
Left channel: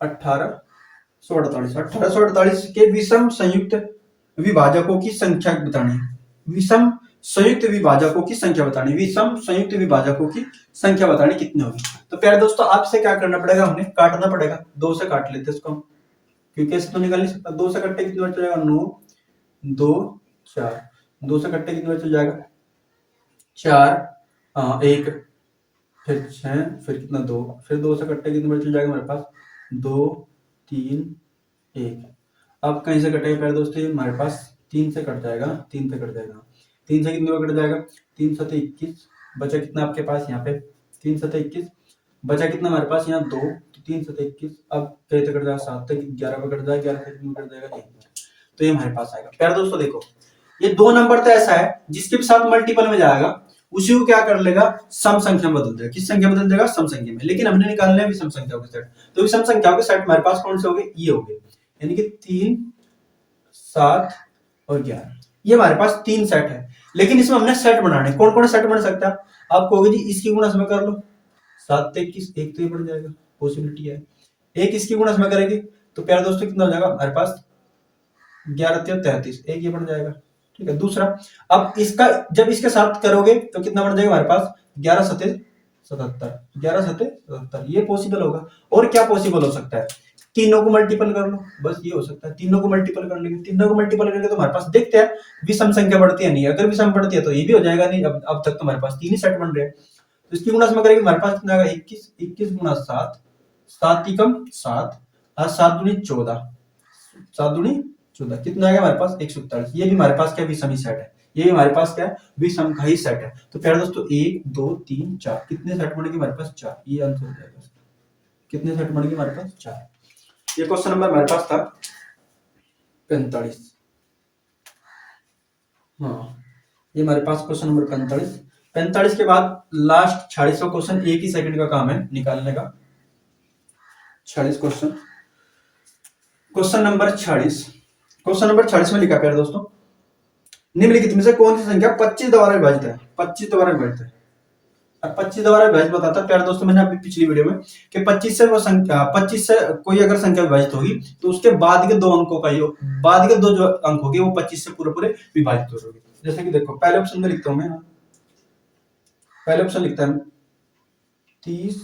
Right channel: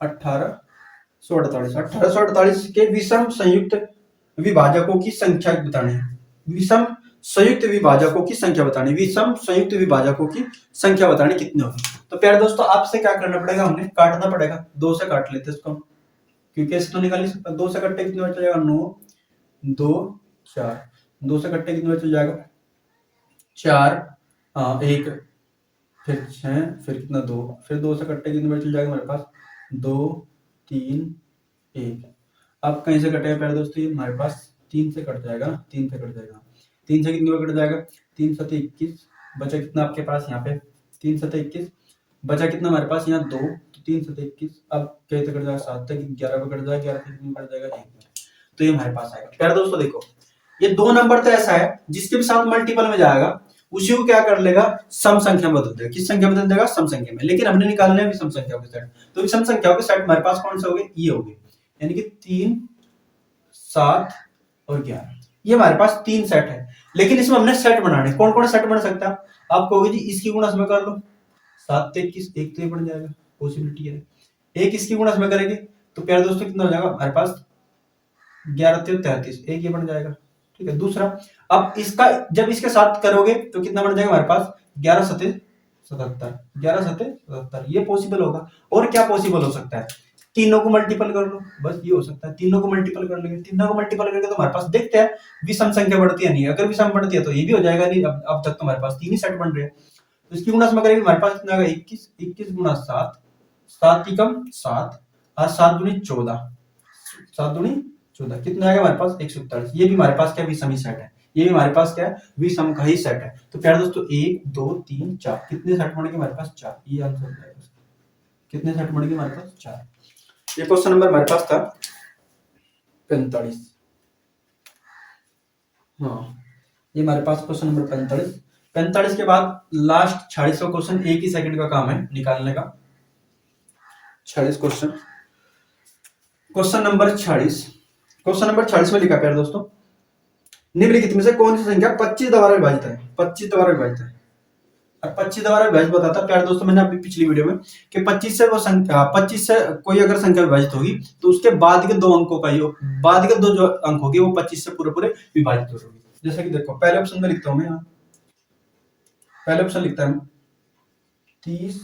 1848 के विषम संयुक्त विभाजकों की संख्या बतानी। विषम संयुक्त विभाजकों की संख्या बतानी, विषम संयुक्त विभाजकों की संख्या बतानी कितनी होगी। तो प्यारे दोस्तों आपसे क्या करना पड़ेगा, हमने काटना पड़ेगा। 2 से काट लेते इसको, क्योंकि ऐसे तो निकाल नहीं सकता। 2 से कट्टे कितनी बार चल जाएगा, 9, 2 4, 2 से कट्टे कितनी बार चल जाएगा, 4, 1, फिर 6, फिर कितना 2, फिर 2 से कट्टे कितनी बार चल जाएगा हमारे पास, 2 3 1। अब कहीं से कटेगा प्यारे दोस्तों, ये हमारे पास 3 से कट जाएगा, 3 से कट जाएगा, 3 से कितनी बार कट जाएगा, 3 7 21, बचा कितना आपके पास यहाँ पे, 3 7 21, बचा कितना हमारे पास यहाँ 2, 3 7 21, अब कैसे कट जाएगा, 7 तक 11 पे कट जाएगा, 11 से कितनी कट जाएगा, 1। तो ये हमारे पास आएगा। प्यारे दोस्तों देखो, ये 2 नंबर तो ऐसा है जिसके भी साथ मल्टीपल में जाएगा उसी को क्या कर लेगा, सम संख्या में बदल देगा। किस संख्या में बदल देगा, सम संख्या में। लेकिन हमने निकालना है विषम संख्याओं के सेट, तो विषम संख्याओं के सेट हमारे पास कौन से हो गए, ये हो गए, यानी कि 3 7 और 11, ये हमारे पास 3 सेट है। लेकिन इसमें हमने सेट बनाने, कौन कौन सेट बन सकता है, आप कहोगे जी इसकी गुणा में कर लो, 7 से 21, एक तो ये बन जाएगा, पॉसिबिलिटी है। एक इसकी गुणा में करेंगे तो प्यारे दोस्तों कितना हो जाएगा हमारे पास, 11 से 33, एक ये बन जाएगा, ठीक है। दूसरा, अब इसका जब इसके साथ करोगे तो कितना बन जाएगा हमारे पास, 11 7 77, 11 7 77, ये पॉसिबल होगा। और क्या पॉसिबल हो सकता है, तीनों को मल्टीपल कर लो, बस ये हो सकता है, तीनों को मल्टीपल कर लेंगे, तीनों को मल्टीपल करके तो हमारे पास देखते हैं विषम संख्या बढ़ती है नहीं, अगर विषम बढ़ती है तो ये भी हो जाएगा, नहीं अब तक तो हमारे पास 3 ही सेट बन रहे हैं। तो इसकी गुणा में करेंगे हमारे पास कितना आएगा, 21, 21 गुणा 7, 7 की कम 7, और 7 दूनी 14, 7 दूनी 14, कितना आएगा हमारे पास, 147। ये भी हमारे पास क्या विषम ही सेट है, ये भी हमारे पास क्या है, विषम का ही सेट है। तो प्यारे दोस्तों 1 2 3 4, कितने सेट बनेंगे हमारे पास, 4, ये आंसर हो जाएगा। कितने सेट बनेंगे हमारे पास, 4। ये क्वेश्चन नंबर हमारे पास था 45। हाँ, ये हमारे पास क्वेश्चन नंबर 45। 45 के बाद लास्ट 46वां क्वेश्चन, एक ही सेकंड का काम है निकालने का। 46 question, question number 46, question number 46 में लिखा प्यारे दोस्तों, निम्नलिखित में से कौन सी संख्या 25 द्वारा विभाजित है, 25 द्वारा विभाजित है। और 25 द्वारा विभाजित बताता प्यारे दोस्तों, मैंने अभी पिछली वीडियो में कि 25 से वो संख्या, 25 से कोई अगर संख्या विभाजित होगी तो उसके बाद के 2 अंकों का योग, बाद के 2 जो अंक होंगे वो 25 से पूरे पूरे विभाजित हो होगी। जैसे कि देखो पहले ऑप्शन में लिखता हूं मैं, यहाँ पहले ऑप्शन लिखता है 30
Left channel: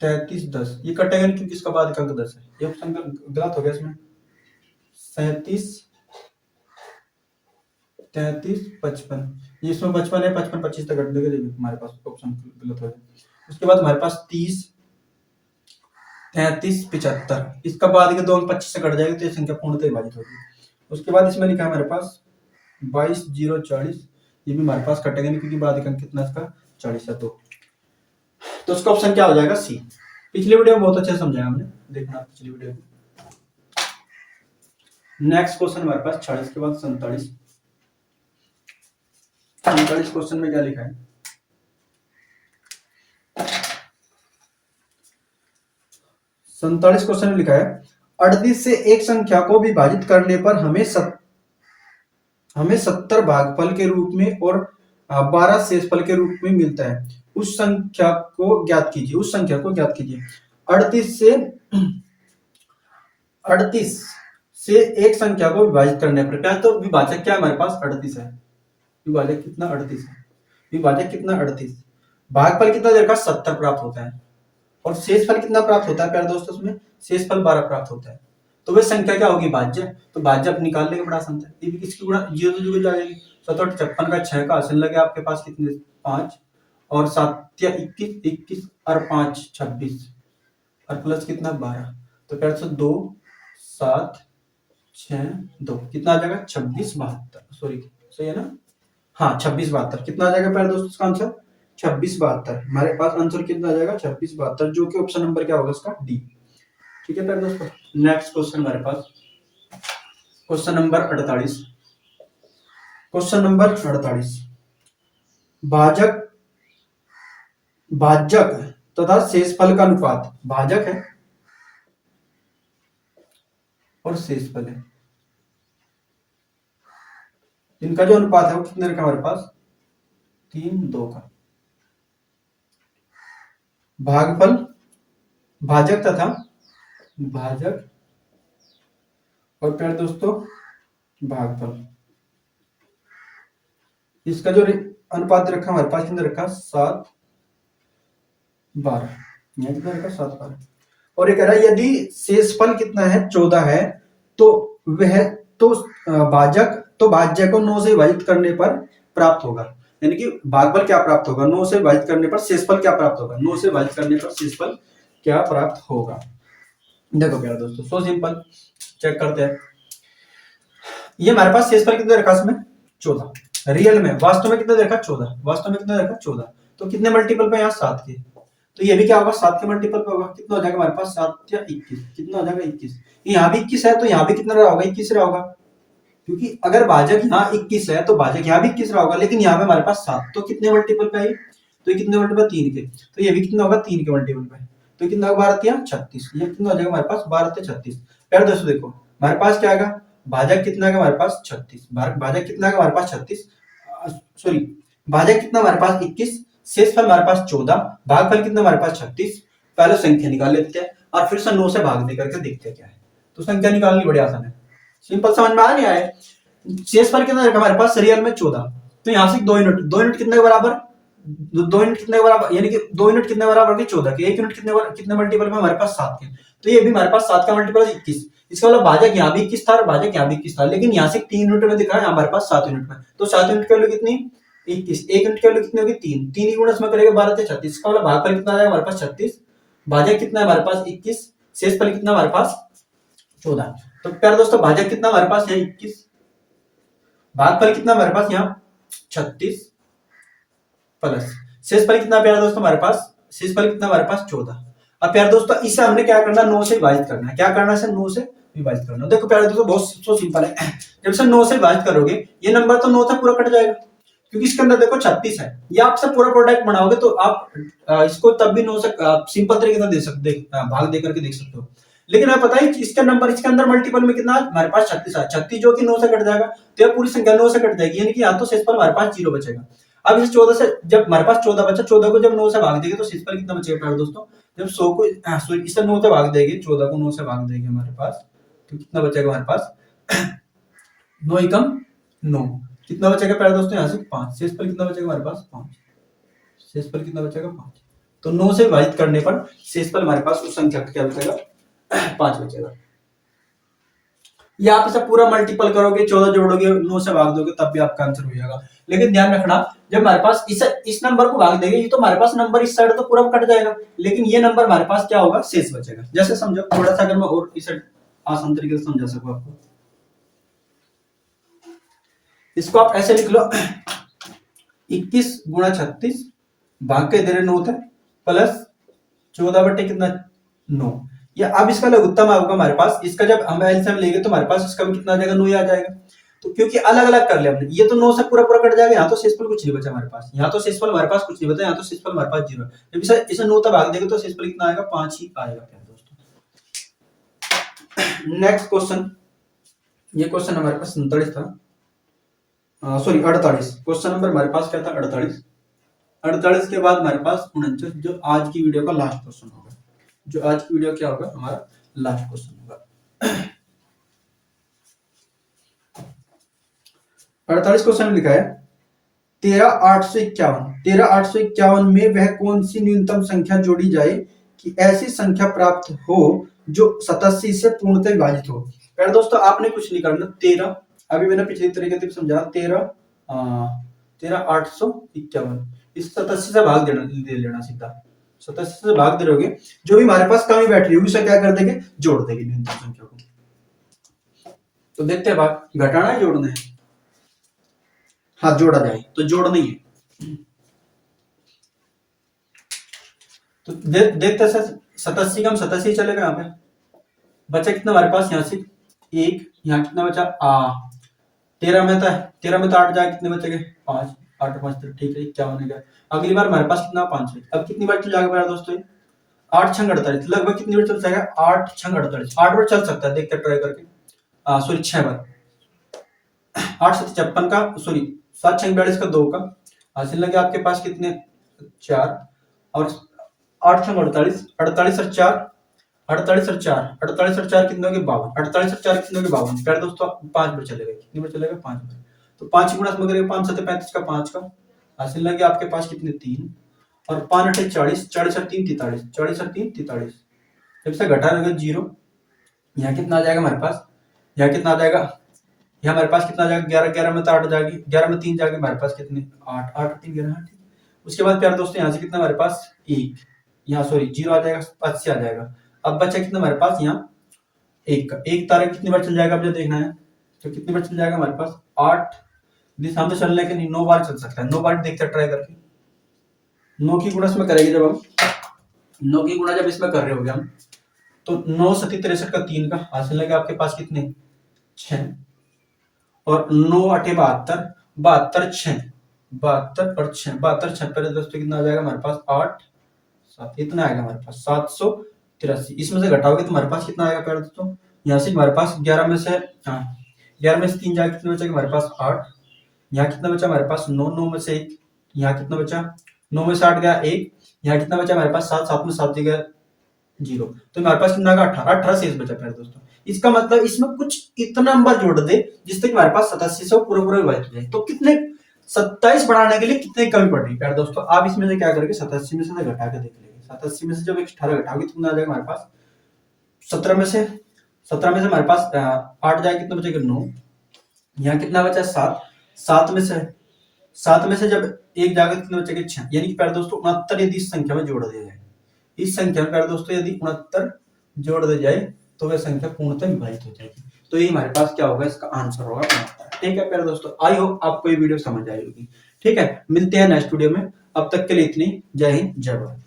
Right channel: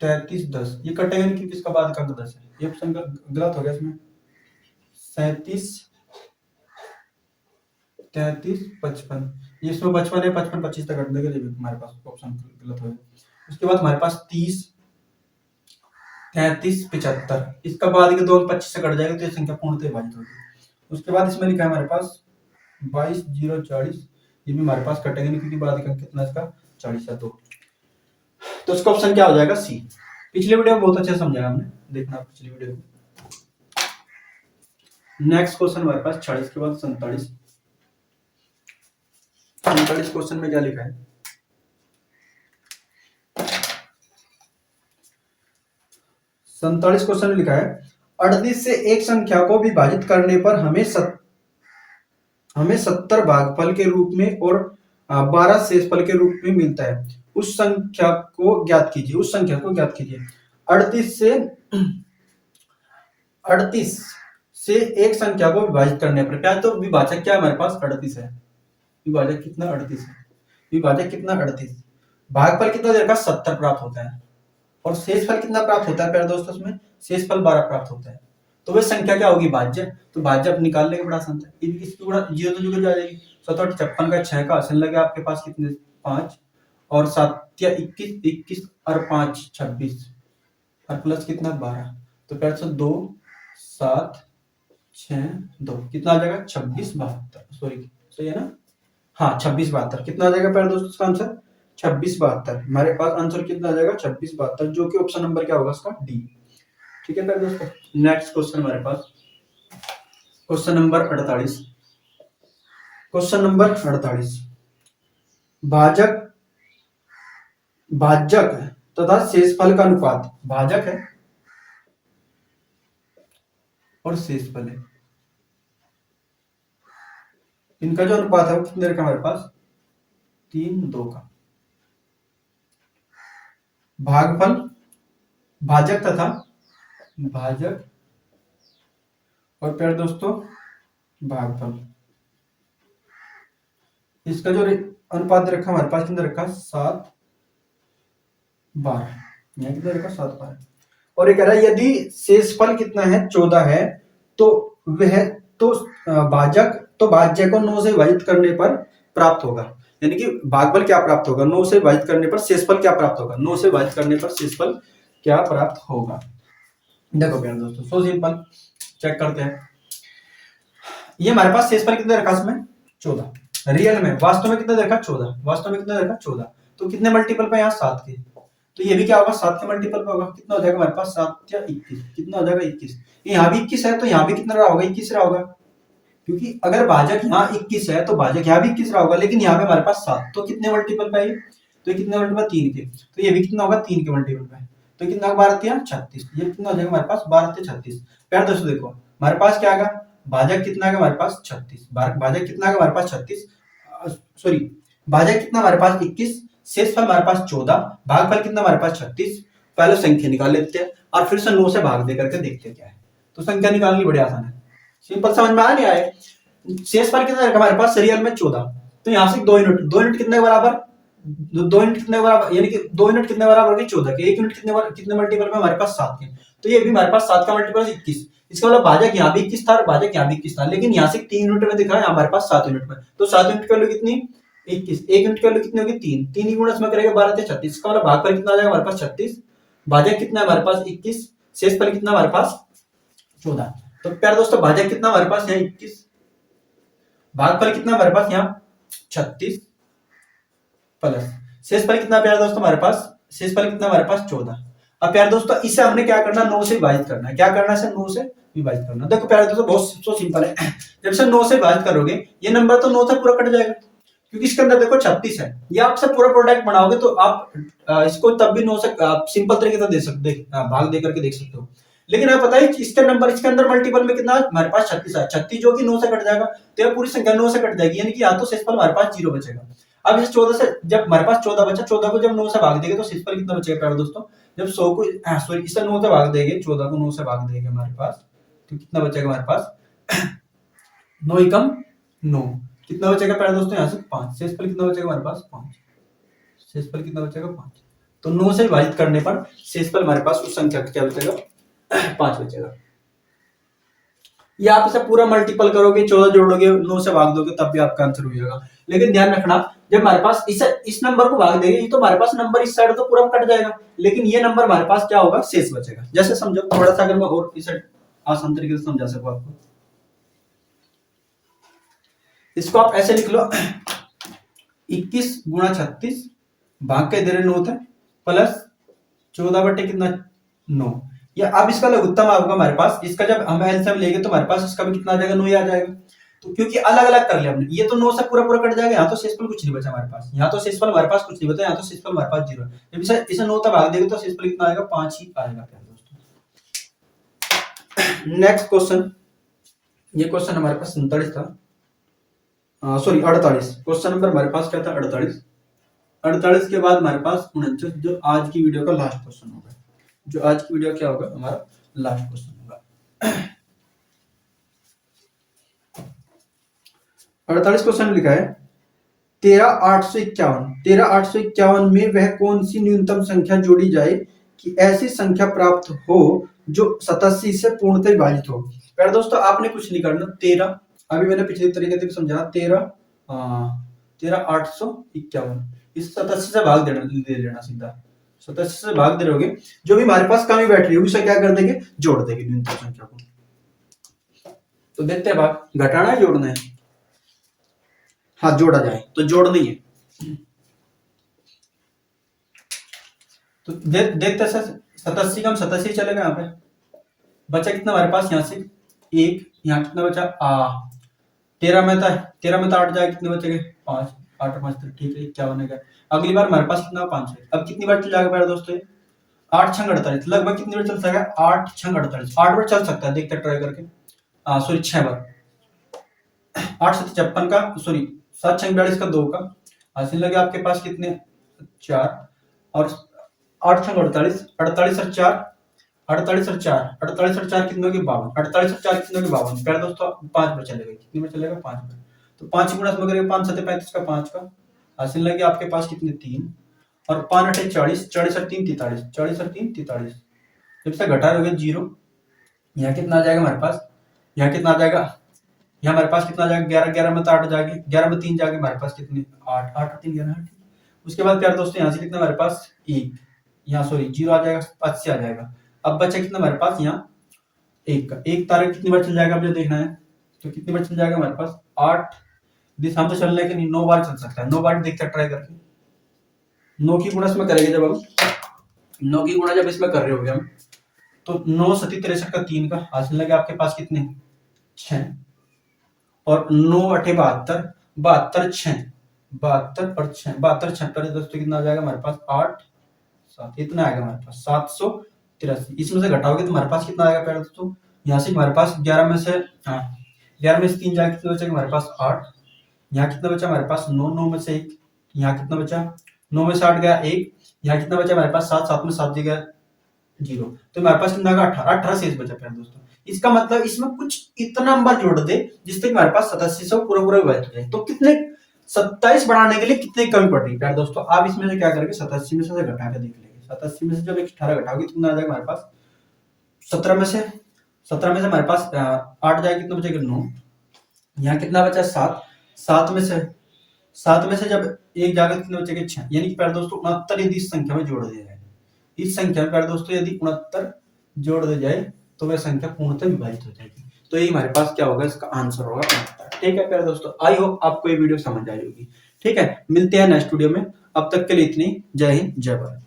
33 10, ये कटेगा नहीं क्योंकि इसका बाद का अंक 10 है, ये ऑप्शन गलत हो गया। इसमें 37 33 55, ये इसमें 55 है, 55 25 तक कट देगा, जब हमारे पास ऑप्शन गलत हो जाए। उसके बाद हमारे पास 30 33 75, इसका बाद के 2 अंक 25 से कट जाएगा तो ये संख्या पूर्णतः विभाजित होगी। उसके बाद इसमें लिखा है हमारे पास 22 0 40, ये भी हमारे पास कटेगा नहीं क्योंकि बाद का अंक कितना इसका 40 है, 2। तो इसका ऑप्शन क्या हो जाएगा, सी। पिछले वीडियो में बहुत अच्छे से समझाया हमने, देखना पिछली वीडियो में। नेक्स्ट क्वेश्चन हमारे पास 40 के बाद 47। 47 क्वेश्चन में क्या लिखा है, 47 क्वेश्चन में लिखा है 38 से एक संख्या को विभाजित करने पर हमें 70 भागफल के रूप में और 12 शेषफल के रूप में मिलता है, उस संख्या को ज्ञात कीजिए, उस संख्या को ज्ञात कीजिए। 38 से एक संख्या को विभाजित करने पर, क्या तो विभाजक क्या हमारे पास 38 है, विभाजक कितना 38 है, विभाजक कितना 38, भागफल कितना देखा 70 प्राप्त होता है, और शेषफल कितना प्राप्त होता है प्यारे दोस्तों, उसमें शेषफल 12 प्राप्त होता है। तो वह संख्या क्या होगी, भाज्य। तो भाज्य आप निकाल लेंगे, बड़ा आसान है। ये भी किसकी गुणा, 0 तो जुड़ जाएगी, 7 8 56 का 6 का आसन लगे आपके पास कितने 5, और 7 या 21 21 और 5 26, और प्लस कितना 12, तो प्यारे दोस्तों 2 7 6 2 कितना आ जाएगा 26 72, सॉरी सही है ना, हाँ 26 72, कितना आ जाएगा प्यारे दोस्तों इसका आंसर 26 72। हमारे पास आंसर कितना आ जाएगा 26 72, जो कि ऑप्शन नंबर क्या होगा इसका, डी। ठीक है प्यारे दोस्तों। नेक्स्ट क्वेश्चन हमारे पास क्वेश्चन नंबर 48, क्वेश्चन नंबर 48, भाजक तथा शेषफल का अनुपात, भाजक है और शेषफल है, इनका जो अनुपात है वो कितने का हमारे पास 3 2 का। भागफल, भाजक तथा भाजक और प्यारे दोस्तों भागफल, इसका जो अनुपात रखा हमारे पास कितना रखा 7 12, यहाँ कितना रखा 7 12, और ये कह रहा है यदि शेषफल कितना है 14 है तो वह तो भाज्य को 9 से विभाजित करने पर प्राप्त होगा। यानी कि भागफल क्या प्राप्त होगा, 9 से विभाजित करने पर शेषफल क्या प्राप्त होगा, 9 से विभाजित करने पर शेषफल क्या प्राप्त होगा। देखो प्यारे दोस्तों, सो सिंपल, चेक करते हैं। ये हमारे पास शेषफल कितने रखा इसमें 14, रियल में वास्तव में कितना देखा 14, वास्तव में कितना देखा 14, तो कितने मल्टीपल पे यहाँ 7 के, तो ये भी क्या होगा 7 के मल्टीपल पे होगा। कितना हो जाएगा हमारे पास 7 या 21, कितना हो जाएगा 21। यहाँ भी 21 है तो यहाँ भी कितना रहा होगा 21 रहा होगा, क्योंकि अगर भाजक यहाँ 21 है तो भाजक यहाँ भी 21 रहा होगा, लेकिन यहाँ पे हमारे पास 7, तो कितने मल्टीपल पे है, तो ये कितने मल्टीपल 3 के, तो ये भी कितना होगा 3 के मल्टीपल पे, तो कितना 12 या 36, ये कितना हो जाएगा हमारे पास 12 से 36। फिर दोस्तों देखो हमारे पास क्या आएगा, भाजक कितना है हमारे पास 36, भाजक कितना है हमारे पास 36, सॉरी भाजक कितना हमारे पास 21, शेषफल हमारे पास 14, भागफल कितना हमारे पास 36। पहले संख्या निकाल लेते हैं और फिर से 9 से भाग दे करके देखते हैं क्या है। तो संख्या निकालनी बड़ी आसान है, सिंपल, समझ में आ नहीं आए। शेषफल कितना है हमारे पास रियल में 14, तो यहाँ से 2 यूनिट, 2 यूनिट कितने के बराबर, 2 यूनिट कितने के बराबर, यानी कि 2 यूनिट कितने बराबर होगी 14 के, 1 यूनिट कितने मल्टीपल में हमारे पास 7 के, तो ये भी हमारे पास 7 का मल्टीपल 21। इसका मतलब भाजक यहाँ भी 21 था और भाजक यहाँ भी 21 था, लेकिन यहाँ से 3 यूनिट में दिखा है, हमारे पास 7 यूनिट में, तो 7 यूनिट की वैल्यू कितनी 21, 1 यूनिट की वैल्यू कितनी होगी 3, 3 गुणा इसमें करेगा 12 से 36, इसका मतलब भागफल कितना आ जाएगा हमारे पास 36, भाजक कितना है हमारे पास 21, शेषफल कितना हमारे पास 14। तो प्यारे दोस्तों भाजक कितना हमारे पास यहाँ 21, भागफल कितना हमारे पास यहाँ 36 प्लस शेषफल कितना प्यारे दोस्तों हमारे पास, शेषफल कितना हमारे पास 14। अब प्यारे दोस्तों इसे हमने क्या करना, 9 से विभाजित करना है, क्या करना है, 9 से विभाजित करना। देखो प्यारे दोस्तों बहुत सो सिंपल है, जब से 9 से विभाजित करोगे ये नंबर तो 9 से पूरा कट जाएगा, क्योंकि इसके अंदर देखो 36 है, ये आपसे पूरा प्रोडक्ट बनाओगे तो आप इसको तब भी 9 से सिंपल तरीके से दे सकते, भाग दे करके देख सकते हो। लेकिन आप पता है इसका नंबर, इसके अंदर मल्टीपल में कितना हमारे पास 36 है, 36 जो कि 9 से कट जाएगा, तो ये पूरी संख्या 9 से कट जाएगी, यानी कि यहाँ तो शेषफल हमारे पास 0 बचेगा। अब इस 14 से जब हमारे पास 14 बचा, 14 को जब 9 से भाग देंगे तो शेषफल कितना बचेगा प्यारे दोस्तों, जब 100 को सॉरी इसे 9 से भाग देंगे, 14 को 9 से भाग देंगे हमारे पास, तो कितना बचेगा हमारे पास 9 एकम 9, कितना बचेगा प्यारे दोस्तों यहाँ से 5, शेषफल कितना बचेगा हमारे पास 5, शेषफल कितना बचेगा 5, तो 9 से विभाजित करने पर शेषफल हमारे पास उस संख्या का क्या बचेगा 5 बचेगा। या आप इसे पूरा मल्टीपल करोगे, 14 जोड़ोगे, 9 से भाग दोगे, तब भी आपका आंसर हो जाएगा। लेकिन ध्यान रखना जब हमारे पास इस नंबर को भाग देंगे, ये तो हमारे पास नंबर इस साइड तो पूरा कट जाएगा, लेकिन ये नंबर हमारे पास क्या होगा शेष बचेगा। जैसे समझो थोड़ा सा, अगर मैं और इसे आसान तरीके से समझा सकूं आपको, इसको आप ऐसे लिख लो 21 गुणा 36 भाग के इधर 9 थे प्लस 14 बटे कितना 9, या अब इसका लघुत्तम होगा हमारे पास, इसका जब हम एलसीएम लेंगे तो हमारे पास इसका भी कितना आ जाएगा 9 ही आ जाएगा। तो क्योंकि अलग अलग कर लिया हमने, ये तो 9 से पूरा पूरा कट जाएगा, यहाँ तो शेषफल कुछ नहीं बचा हमारे पास, यहाँ तो शेषफल हमारे पास कुछ नहीं बचा, यहाँ तो शेषफल हमारे पास 0 है। जब इसे 9 तक भाग देंगे तो शेषफल कितना आएगा 5 ही आएगा दोस्तों। नेक्स्ट क्वेश्चन, ये क्वेश्चन हमारे पास 47 था, सॉरी 48, क्वेश्चन नंबर हमारे पास क्या था 48, 48 के बाद हमारे पास 49, जो आज की वीडियो का लास्ट क्वेश्चन होगा, जो आज की वीडियो क्या होगा हमारा लास्ट क्वेश्चन होगा। 48 क्वेश्चन लिखा है 13,851 में वह कौन सी न्यूनतम संख्या जोड़ी जाए कि ऐसी संख्या प्राप्त हो जो 87 से पूर्णतः विभाजित हो। पहले दोस्तों आपने कुछ नहीं करना, 13 अभी मैंने पिछले तरीके से समझा, 13,851 इस 87 से भाग देना, ले लेना सीधा 87 से भाग दे रहोगे, जो भी हमारे पास कमी बैठ रही होगी उसे क्या कर देंगे जोड़ देंगे न्यूनतम संख्या को। तो देखते हैं भाग घटाना है जोड़ना है, हाँ जोड़ा जाए तो जोड़ना ही है। तो देखते हैं 87 का हम 87 चलेगा, यहाँ पे बचा कितना हमारे पास, यहाँ से 1, यहाँ कितना बचा 13 में था, 13 में तो 8 जाए, कितने बचेंगे 5, 8 5 तो ठीक है 51 है। अगली बार हमारे पास कितना 5 है, अब कितनी बार चल जाएगा मेरा दोस्तों 8 6 48, लगभग कितनी बार चल जाएगा 8 6 48, 8 बार चल सकता है, देखते हैं ट्राई करके, सॉरी 6 बार, 8 7 56 का, सॉरी 7 6 42 का 2 का हासिल लगे आपके पास कितने 4, और 8 6 48, 48 और 4 48 और 4 48 और 4 कितने होंगे 52, 48 और 4 कितने होंगे 52, प्यारे दोस्तों 5 बार चलेगा, कितनी बार चलेगा 5 बार, तो 5 गुणा में करेंगे 5 7 35 का 5 का हासिल लगे आपके पास कितने 3, और 5 8 40, 40 और 3 43, 40 और 3 43, जब से घटा दोगे 0, यहाँ कितना आ जाएगा हमारे पास, यहाँ कितना आ जाएगा, यहाँ हमारे पास कितना आ जाएगा 11, 11 में तो 8 जाएगी, 11 में 3 जाएगी हमारे पास कितनी 8, 8 3 11 8। उसके बाद प्यारे दोस्तों यहाँ से कितना हमारे पास 1, यहाँ सॉरी 0 आ जाएगा, 5 से आ जाएगा। अब बचा कितना हमारे पास यहाँ 1 का, 1 तारीख कितनी बार चल जाएगा अब जो देखना है, तो कितनी बार चल जाएगा हमारे पास 8 दिशा में तो चलने के नहीं 9 बार चल सकता है, 9 बार देखते हैं ट्राई करके। 9 की गुणा इसमें करेंगे जब हम 9 की गुणा जब इसमें कर रहे होंगे हम, तो 9 सती 63 का 3 का हासिल लगे आपके पास कितने 6, और 9 8 72, 72 6, 72 और 6, 72 6 पर दोस्तों कितना आ जाएगा हमारे पास 8 7, इतना आएगा हमारे पास 783। इसमें से घटाओगे तो हमारे पास कितना आएगा प्यारे दोस्तों, यहाँ से हमारे पास 11 में से 11 में से 3 जाएगा, कितना बचेगा हमारे पास 8, यहाँ कितना बचा हमारे पास 9, 9 में से 1, यहाँ कितना बचा 9 में से 8 गया 1, यहाँ कितना बचा हमारे पास 7, 7 में 7 जगह 0, तो हमारे पास कितना 18, 18 शेष बचा प्यारे दोस्तों। इसका मतलब इसमें कुछ इतना नंबर जोड़ दे जिससे हमारे पास 8700 पूरा पूरा विभाजित हो जाए। तो कितने 27 बढ़ाने के लिए कितने कमी पड़ रही है प्यारे दोस्तों, आप इसमें से क्या करोगे 87 में से घटा के देख लेंगे। 87 में से जब 18 घटाओगे कितना आ जाएगा हमारे पास 17 में से हमारे पास 8 जाएगा, कितना बचेगा 9, यहाँ कितना बचा 7, 7 में से जब 1 जाएगा कितना बचेगा 6, यानी कि प्यारे दोस्तों 69 यदि इस संख्या में जोड़ दिया जाए, इस संख्या में प्यारे दोस्तों यदि 69 जोड़ दिया जाए तो वह संख्या पूर्णतः विभाजित हो जाएगी। तो ये हमारे पास क्या होगा, इसका आंसर होगा 69। ठीक है प्यारे दोस्तों, आई होप आपको ये वीडियो समझ आई होगी। ठीक है, मिलते हैं नेक्स्ट वीडियो में, अब तक के लिए इतनी, जय हिंद जय भारत।